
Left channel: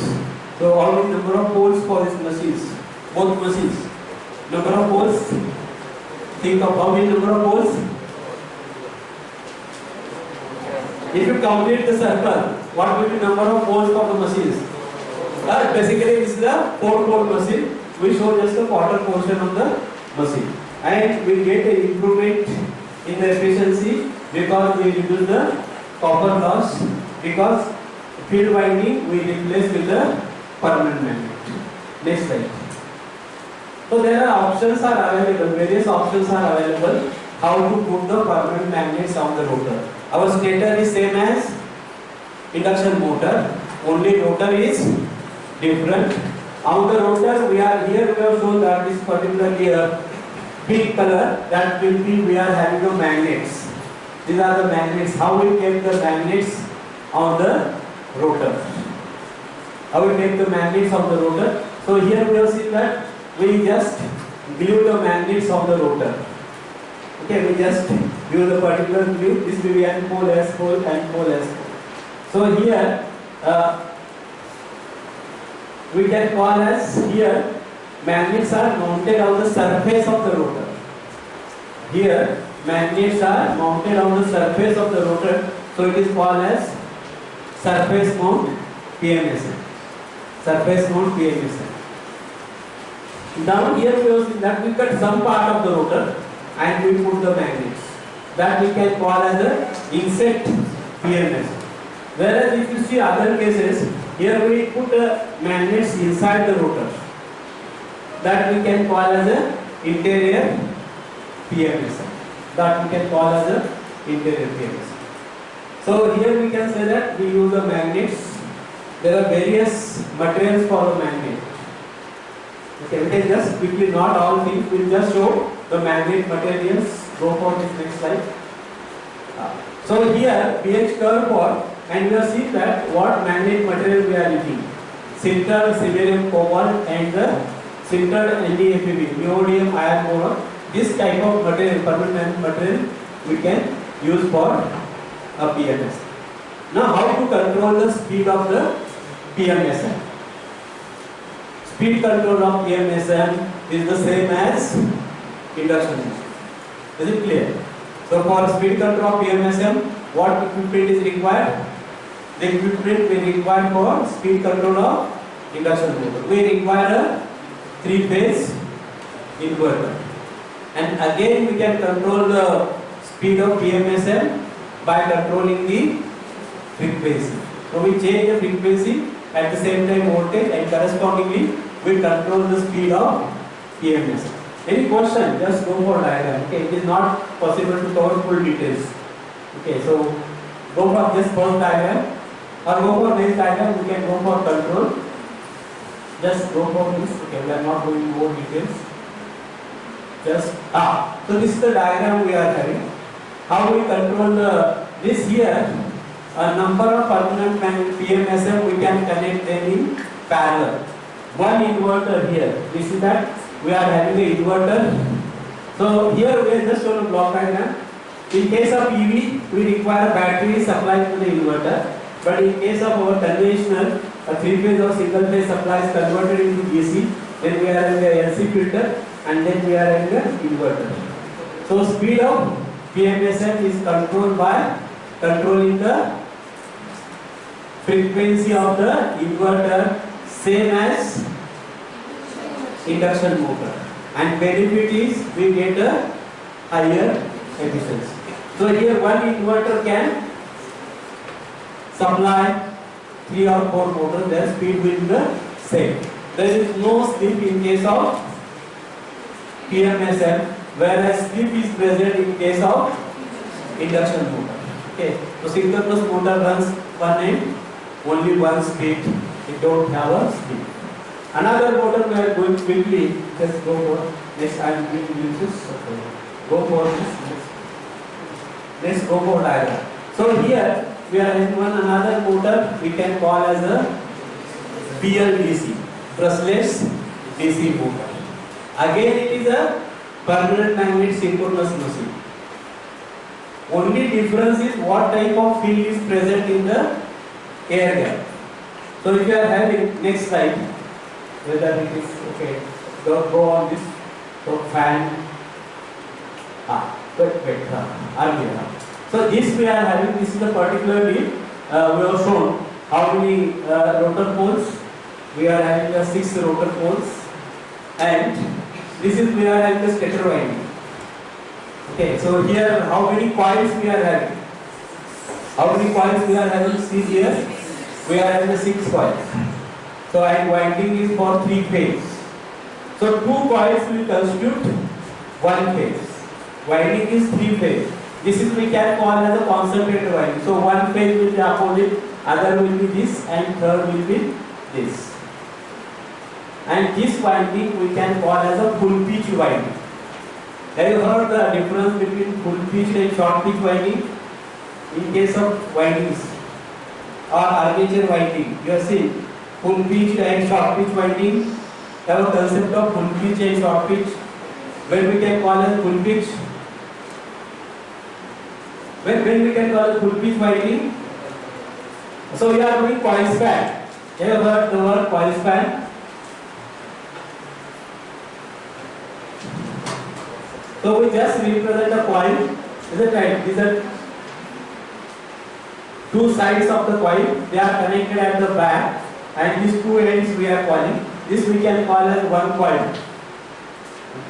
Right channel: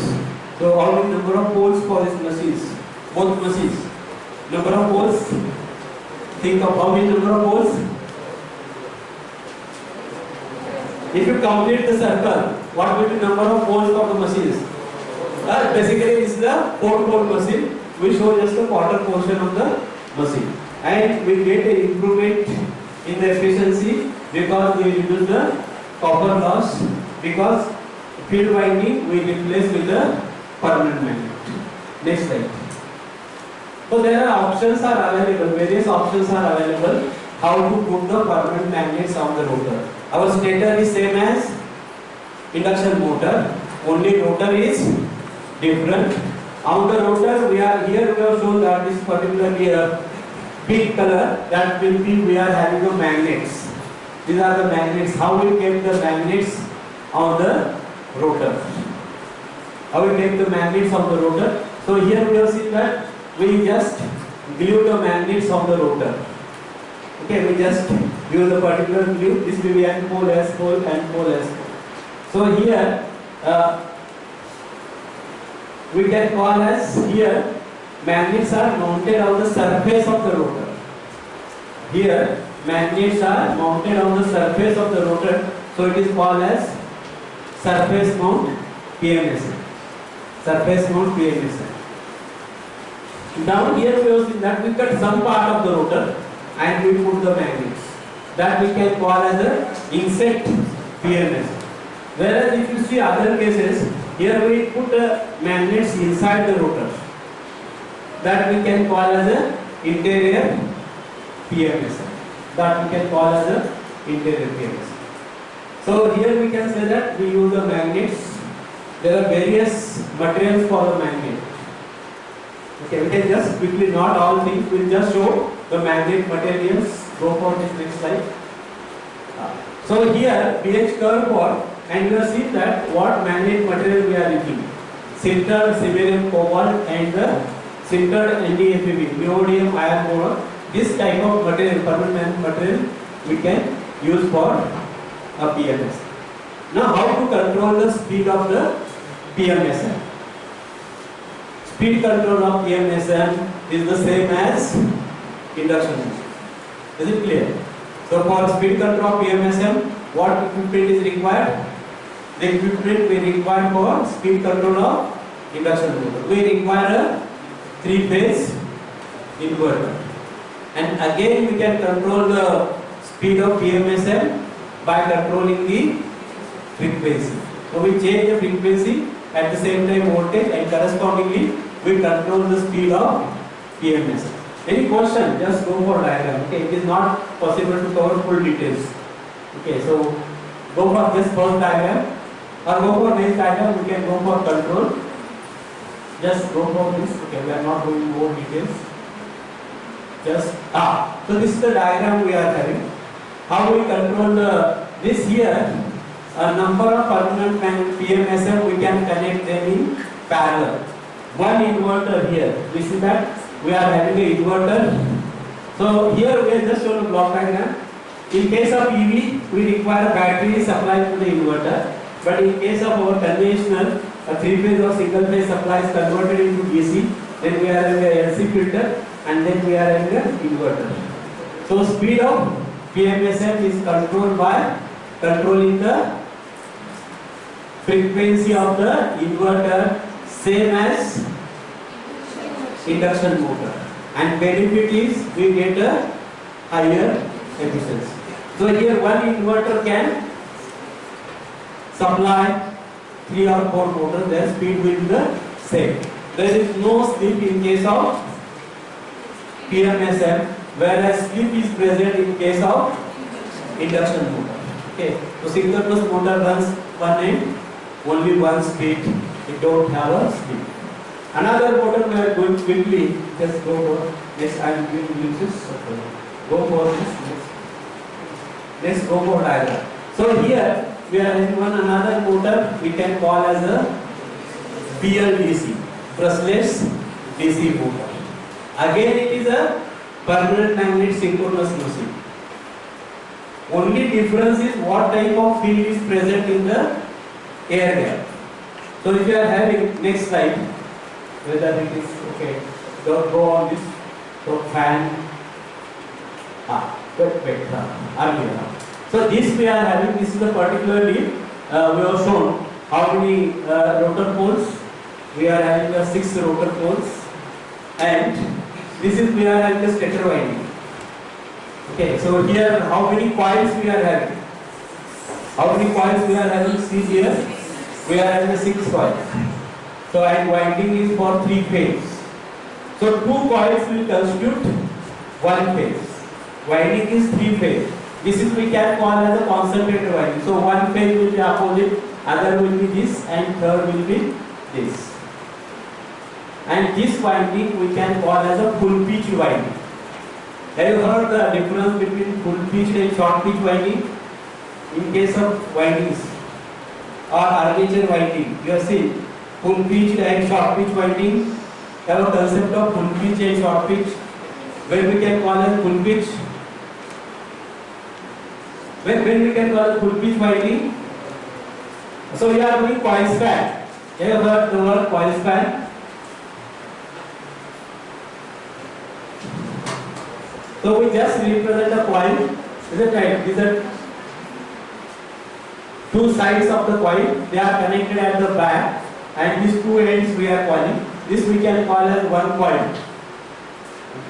So how many number of poles for these machines? Both machines. Number of poles. Think of how many number of poles? If you complete the circle, what will be number of poles for the machines? Basically this is the 4-pole machine. We show just a quarter portion of the machine. And we get an improvement in the efficiency because we reduce the copper loss, because field winding we replace with the permanent magnet. Next slide. So there are options are available, various options are available how to put the permanent magnets on the rotor. Our stator is same as induction motor, only rotor is different. On the rotor we have shown that this particularly a pink color, that will be we are having the magnets. These are the magnets. How we keep the magnets on the rotor? How we keep the magnets on the rotor? So here we have seen that we just glue the magnets on the rotor. Okay, we just glue the particular glue. This will be N pole, S pole, N pole, S pole. So here we can call as here magnets are mounted on the surface of the rotor. Here magnets are mounted on the surface of the rotor, so it is called as surface mount PMSM. Surface mount PMSM. Down here we have seen that we cut some part of the rotor and we put the magnets. That we can call as a inset PMSM. Whereas if you see other cases, here we put magnets inside the rotor. That we can call as a interior PMSM. That we can call as a interior PMSM. So here we can say that we use the magnets. There are various materials for the magnet. Okay, we can just quickly not all things. We will just show the magnet materials. Go for this next slide. So here pH curve for, and you have seen that what magnet material we are using. Sintered samarium cobalt and the sintered NdFeB, neodymium iron boron. This type of material, permanent material, we can use for a PMS. Now how to control the speed of the PMSM? Speed control of PMSM is the same as induction motor. Is it clear? So for speed control of PMSM, what equipment is required? The equipment we require for speed control of induction motor. We require a 3-phase inverter. And again we can control the speed of PMSM by controlling the frequency. So we change the frequency, at the same time voltage, and correspondingly we control the speed of PMSM. Any question? Just go for diagram. Okay, it is not possible to cover full details. Okay, so go for this first diagram or go for this diagram. We can go for control. Just go for this. Okay, we are not going more details. Just so this is the diagram we are having. How we control this here? A number of permanent PMSM we can connect them in parallel. One inverter here. We see that we are having an inverter. So here we have just shown a block diagram. In case of EV, we require a battery supply to the inverter. But in case of our conventional, a 3-phase or single-phase supply is converted into DC. Then we are having a LC filter, and then we are having an inverter. So speed of PMSM is controlled by controlling the frequency of the inverter, same as induction motor. And benefit is we get a higher efficiency. So here one inverter can supply 3 or 4 motors, their speed will be the same. There is no slip in case of PMSM, whereas slip is present in case of induction motor. Okay, so synchronous motor runs one end, only one speed, it don't have a speed. Another motor we are going quickly, just go for next. I am going to use this. Go for this. Let's go for diagram. So here we are in one another motor we can call as a BLDC, brushless DC motor. Again it is a permanent magnet synchronous machine. Only difference is what type of field is present in the air gap. So if you are having, next slide, whether it is okay, go on this, so fan, earlier. So this we are having, this is the particularly, we have shown how many rotor poles. We are having the 6 rotor poles, and this is we are having the stator winding. Okay, so here how many coils we are having? How many coils we are having? See here, we are having 6 coils. So and winding is for 3 phase. So 2 coils will constitute 1 phase. Winding is 3 phase. This is we can call as a concentrated winding. So one phase will be opposite, other will be this, and third will be this. And this winding we can call as a full pitch winding. Have you heard the difference between full pitch and short pitch winding? In case of windings or armature winding, you have seen full pitch and short pitch winding. Have a concept of full pitch and short pitch. When we can call as full pitch? When we can call full pitch winding? So we are doing coil span. Have you heard the word coil span? So we just represent a coil. Is it right? These are 2 sides of the coil. They are connected at the back, and these 2 ends we are calling. This we can call as one coil.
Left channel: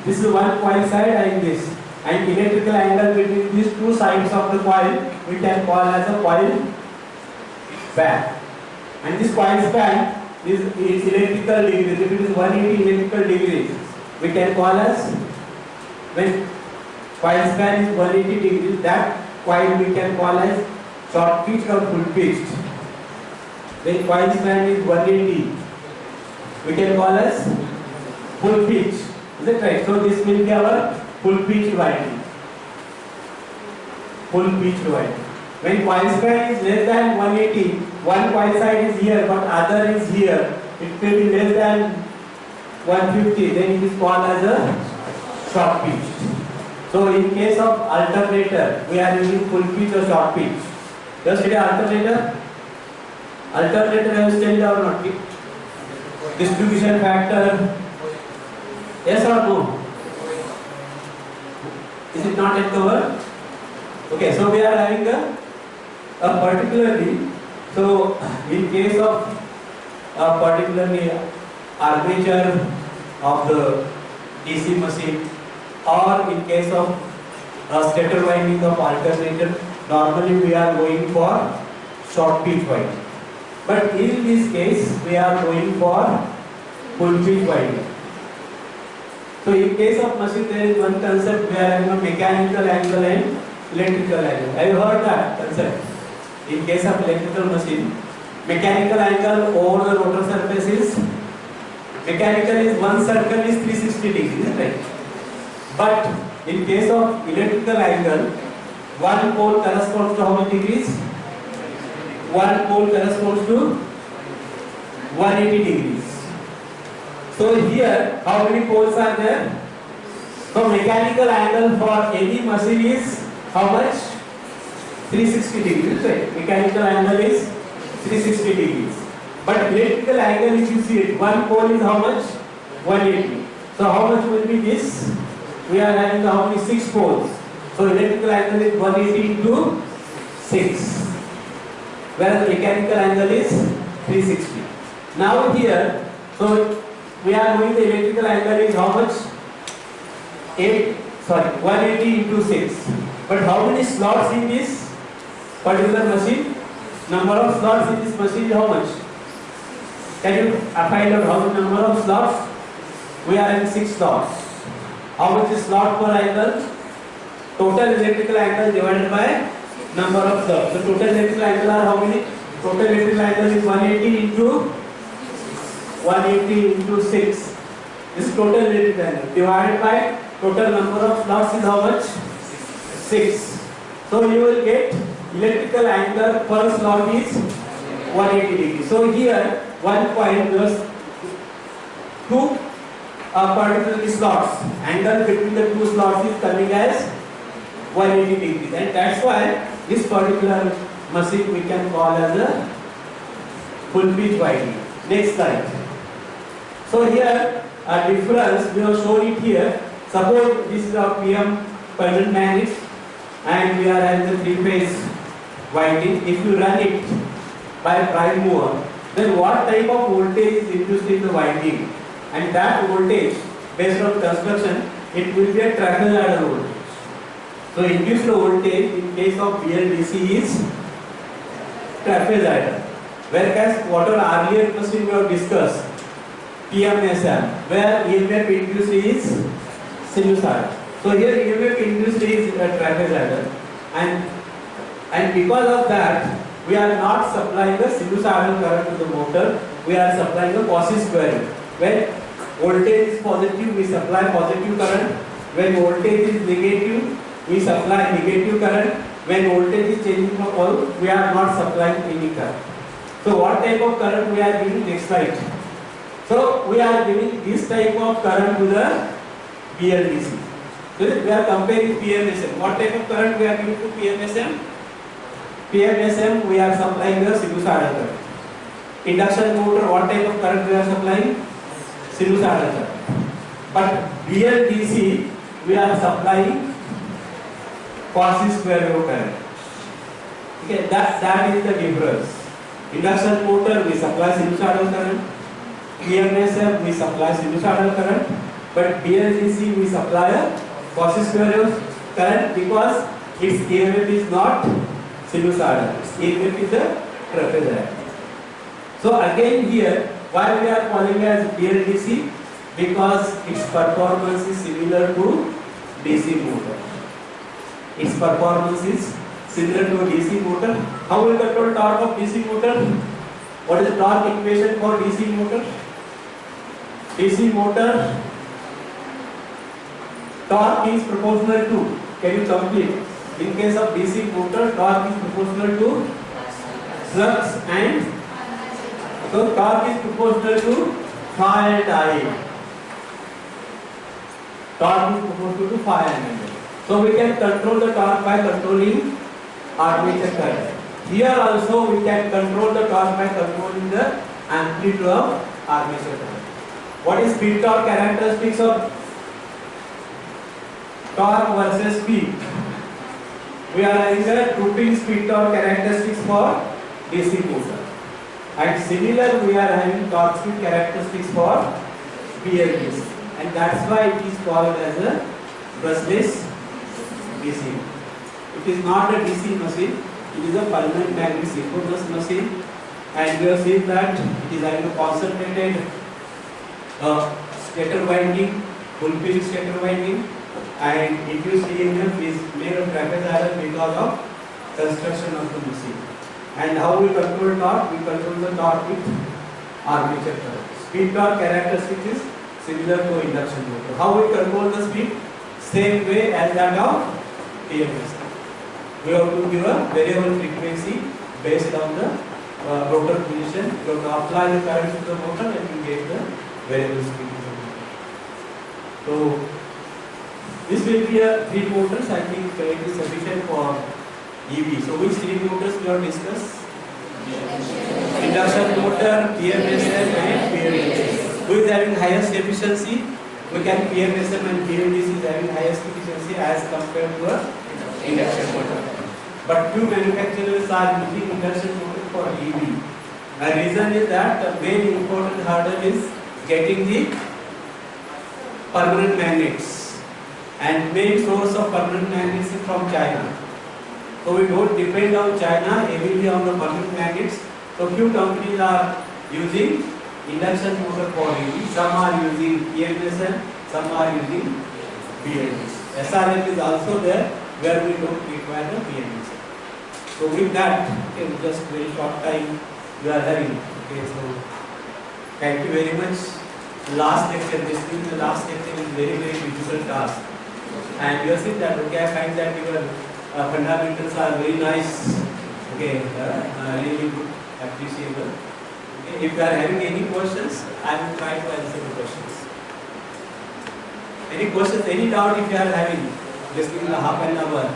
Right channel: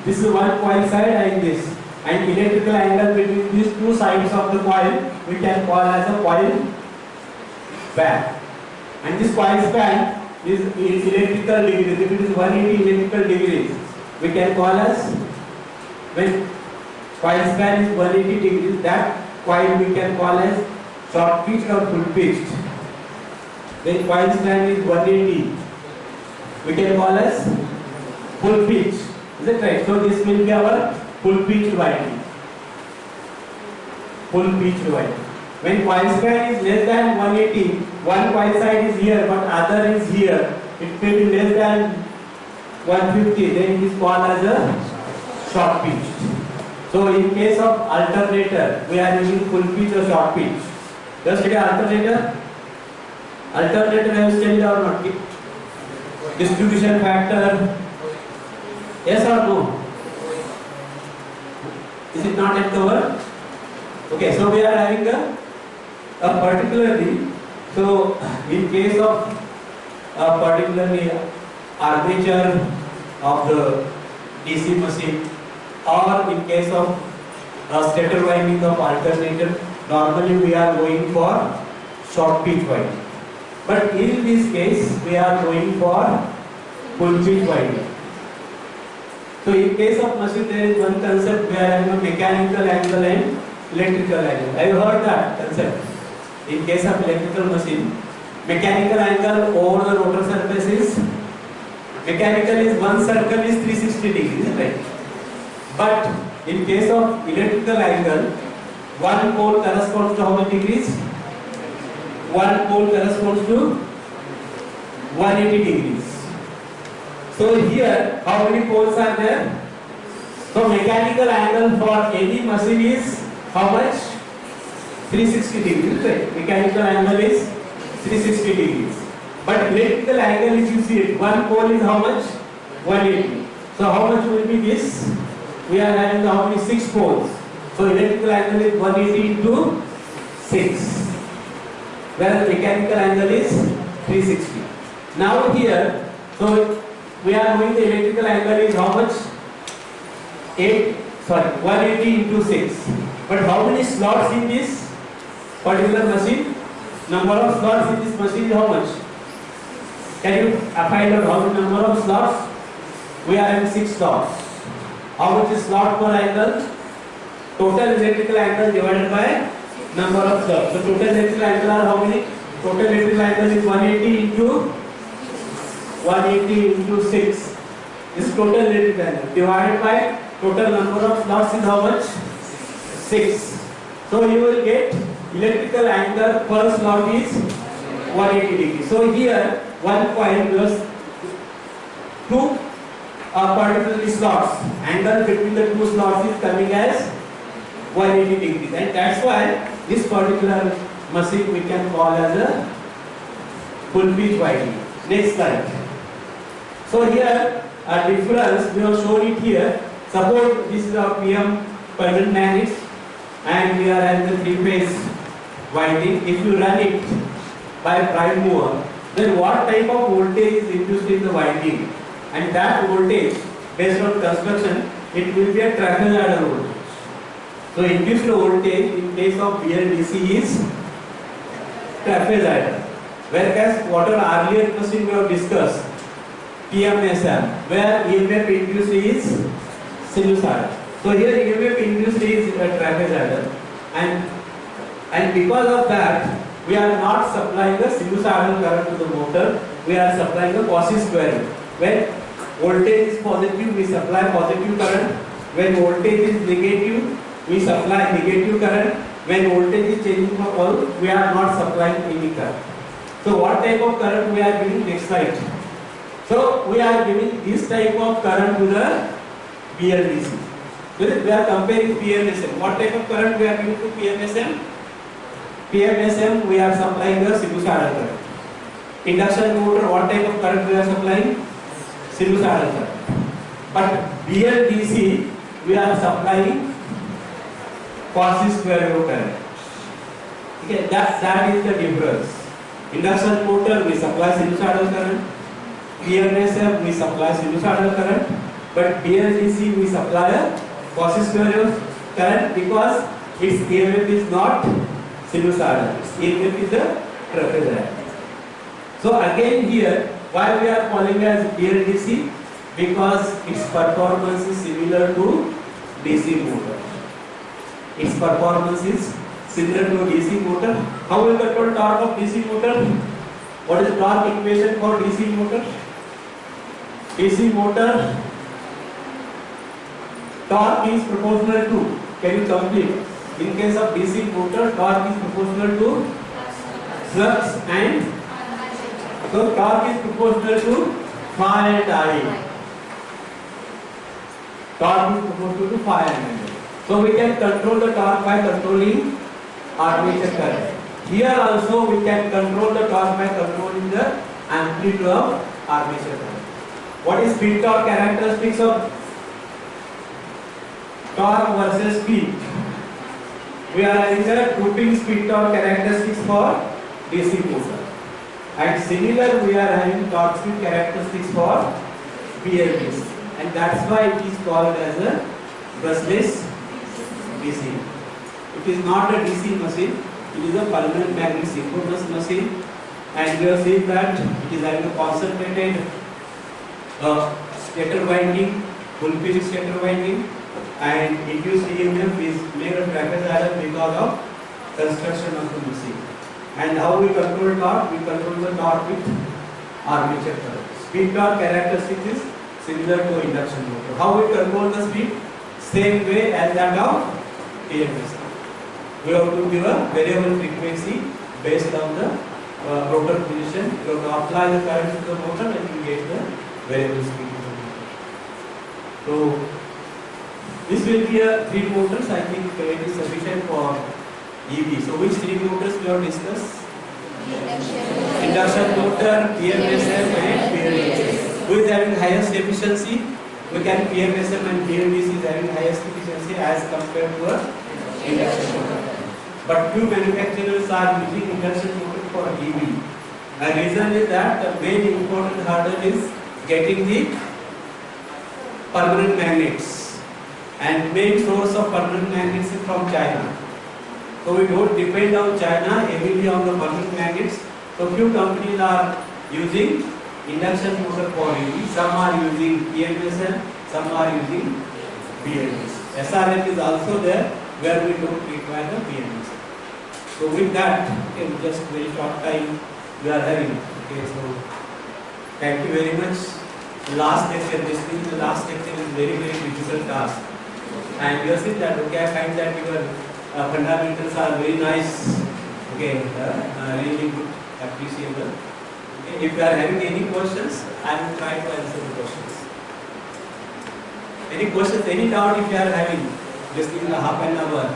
This is one coil side and this. And electrical angle between these 2 sides of the coil we can call as a coil span. And this coil span is electrical degrees. If it is 180 electrical degrees, we can call as, when coil span is 180 degrees, that coil we can call as short pitch or full pitched. When coil span is 180, we can call as full pitch. Is it right? So this will be our full pitch winding. Full pitch winding. When coil span is less than 180, one coil side is here but other is here, it may be less than 150, then it is called as a short pitch. So in case of alternator, we are using full pitch or short pitch. Just study alternator. Alternator I have studied or not? Distribution factor. Yes or no? Is it not yet covered? Okay, so we are having a particularly, so in case of particularly armature of the DC machine, or in case of stator winding of alternator, normally we are going for short pitch winding. But in this case, we are going for full pitch winding. So in case of machine, there is one concept we are having a mechanical angle and electrical angle. Have you heard that concept? In case of electrical machine, mechanical angle over the rotor surface is, mechanical is one circle is 360 degrees, right? But in case of electrical angle, one pole corresponds to how many degrees? One pole corresponds to 180 degrees. So here, how many poles are there? So mechanical angle for any machine is how much? 360 degrees, right? Mechanical angle is 360 degrees. But electrical angle, if you see it, one pole is how much? 180. So how much will be this? We are having how many? 6 poles. So electrical angle is 180 into 6. Whereas mechanical angle is 360. Now here, so we are knowing the electrical angle is how much? 180 into 6. But how many slots in this particular machine? Number of slots in this machine is how much? Can you find out how many number of slots? We are having 6 slots. How much is slot per angle? Total electrical angle divided by number of slots. So total electrical angle are how many? Total electrical angle is 180 into 6. This total electrical angle divided by total number of slots is how much? 6. So you will get electrical angle per slot is 180 degrees. So here one point plus two particular slots, angle between the two slots is coming as 180 degrees, and that's why this particular machine we can call as a full pitch winding. Next slide. So here a difference we have shown it here. Suppose this is our PM permanent magnet and we are having the 3-phase winding. If you run it by prime mover, then what type of voltage is induced in the winding? And that voltage, based on construction, it will be a trapezoidal voltage. So induced voltage in case of BLDC is trapezoidal. Whereas what our earlier machine we have discussed, PMSM, where EMF induced is sinusoidal. So here EMF induced is a trapezoidal, and because of that we are not supplying a sinusoidal current to the motor, we are supplying a quasi-square. When voltage is positive, we supply positive current. When voltage is negative, we supply negative current. When voltage is changing from all, we are not supplying any current. So what type of current we are giving? Next slide. So we are giving this type of current to the BLDC. So we are comparing PMSM. What type of current we are giving to PMSM? PMSM we are supplying the sinusoidal current. Induction motor, what type of current we are supplying? Sinusoidal current. But BLDC we are supplying quasi-square wave current. Okay, that is the difference. Induction motor we supply sinusoidal current. PMSM we supply sinusoidal current. But BLDC we supply a quasi-square wave current because its EMF is not sinusoidal. Its EMF is the trapezoidal. So again here, why we are calling as BLDC? Because its performance is similar to DC motor. Its performance is similar to DC motor. How will control torque of DC motor? What is the torque equation for DC motor? DC motor torque is proportional to, can you complete? In case of DC motor, torque is proportional to flux, and so torque is proportional to phi and I. Torque is proportional to phi and I. So we can control the torque by controlling armature current. Here also we can control the torque by controlling the amplitude of armature current. What is speed torque characteristics of torque versus speed? We are having the drooping speed torque characteristics for DC motor, and similar we are having torque speed characteristics for BLDC, and that's why it is called as a brushless DC. It is not a DC machine, it is a permanent magnet synchronous machine, and we have seen that it is having a concentrated stator winding, full pitch stator winding, and induced EMF is made of trapezoidal because of construction of the machine. And how we control torque? We control the torque with armature current. Speed torque characteristics is similar to induction motor. How we control the speed? Same way as that of TMS. We have to give a variable frequency based on the rotor position. You have to apply the current to the motor and you get the variable speed of the motor. So this will be a 3 motors. I think it is sufficient for EV. So which 3 motors we have discussed? Induction motor, PMSM and BLDC. Who is having highest efficiency? We can PMSM and BLDC is having highest efficiency as compared to a induction motor. But few manufacturers are using induction motor for EV. The reason is that the main important hurdle is getting the permanent magnets, and main source of permanent magnets is from China. So we don't depend on China heavily on the permanent magnets. So few companies are using induction motor for EV. Some are using PMSM, some are using BLDC. SRM is also there where we don't require the PMSM. So with that, in just very short time we are having. Okay, so thank you very much. Last lecture, this being the last lecture is very difficult task. and you see that okay, I find that your fundamentals are very nice. Okay, really good, appreciable. Okay, if you are having any questions, I will try to answer the questions. Any questions, any doubt if you are having, just in the half an hour.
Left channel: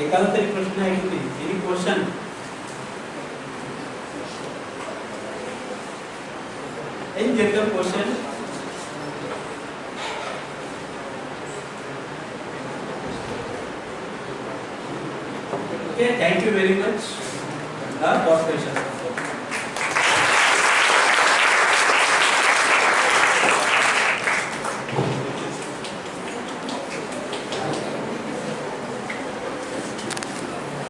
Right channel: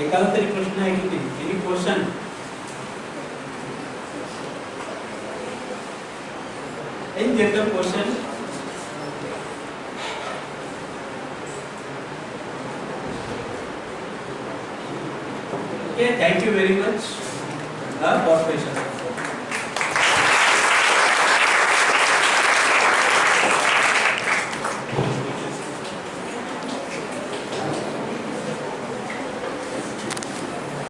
एकाला तरी प्रश्न आहे की नाही? Any question? Any general question? Okay, thank you very much for patience.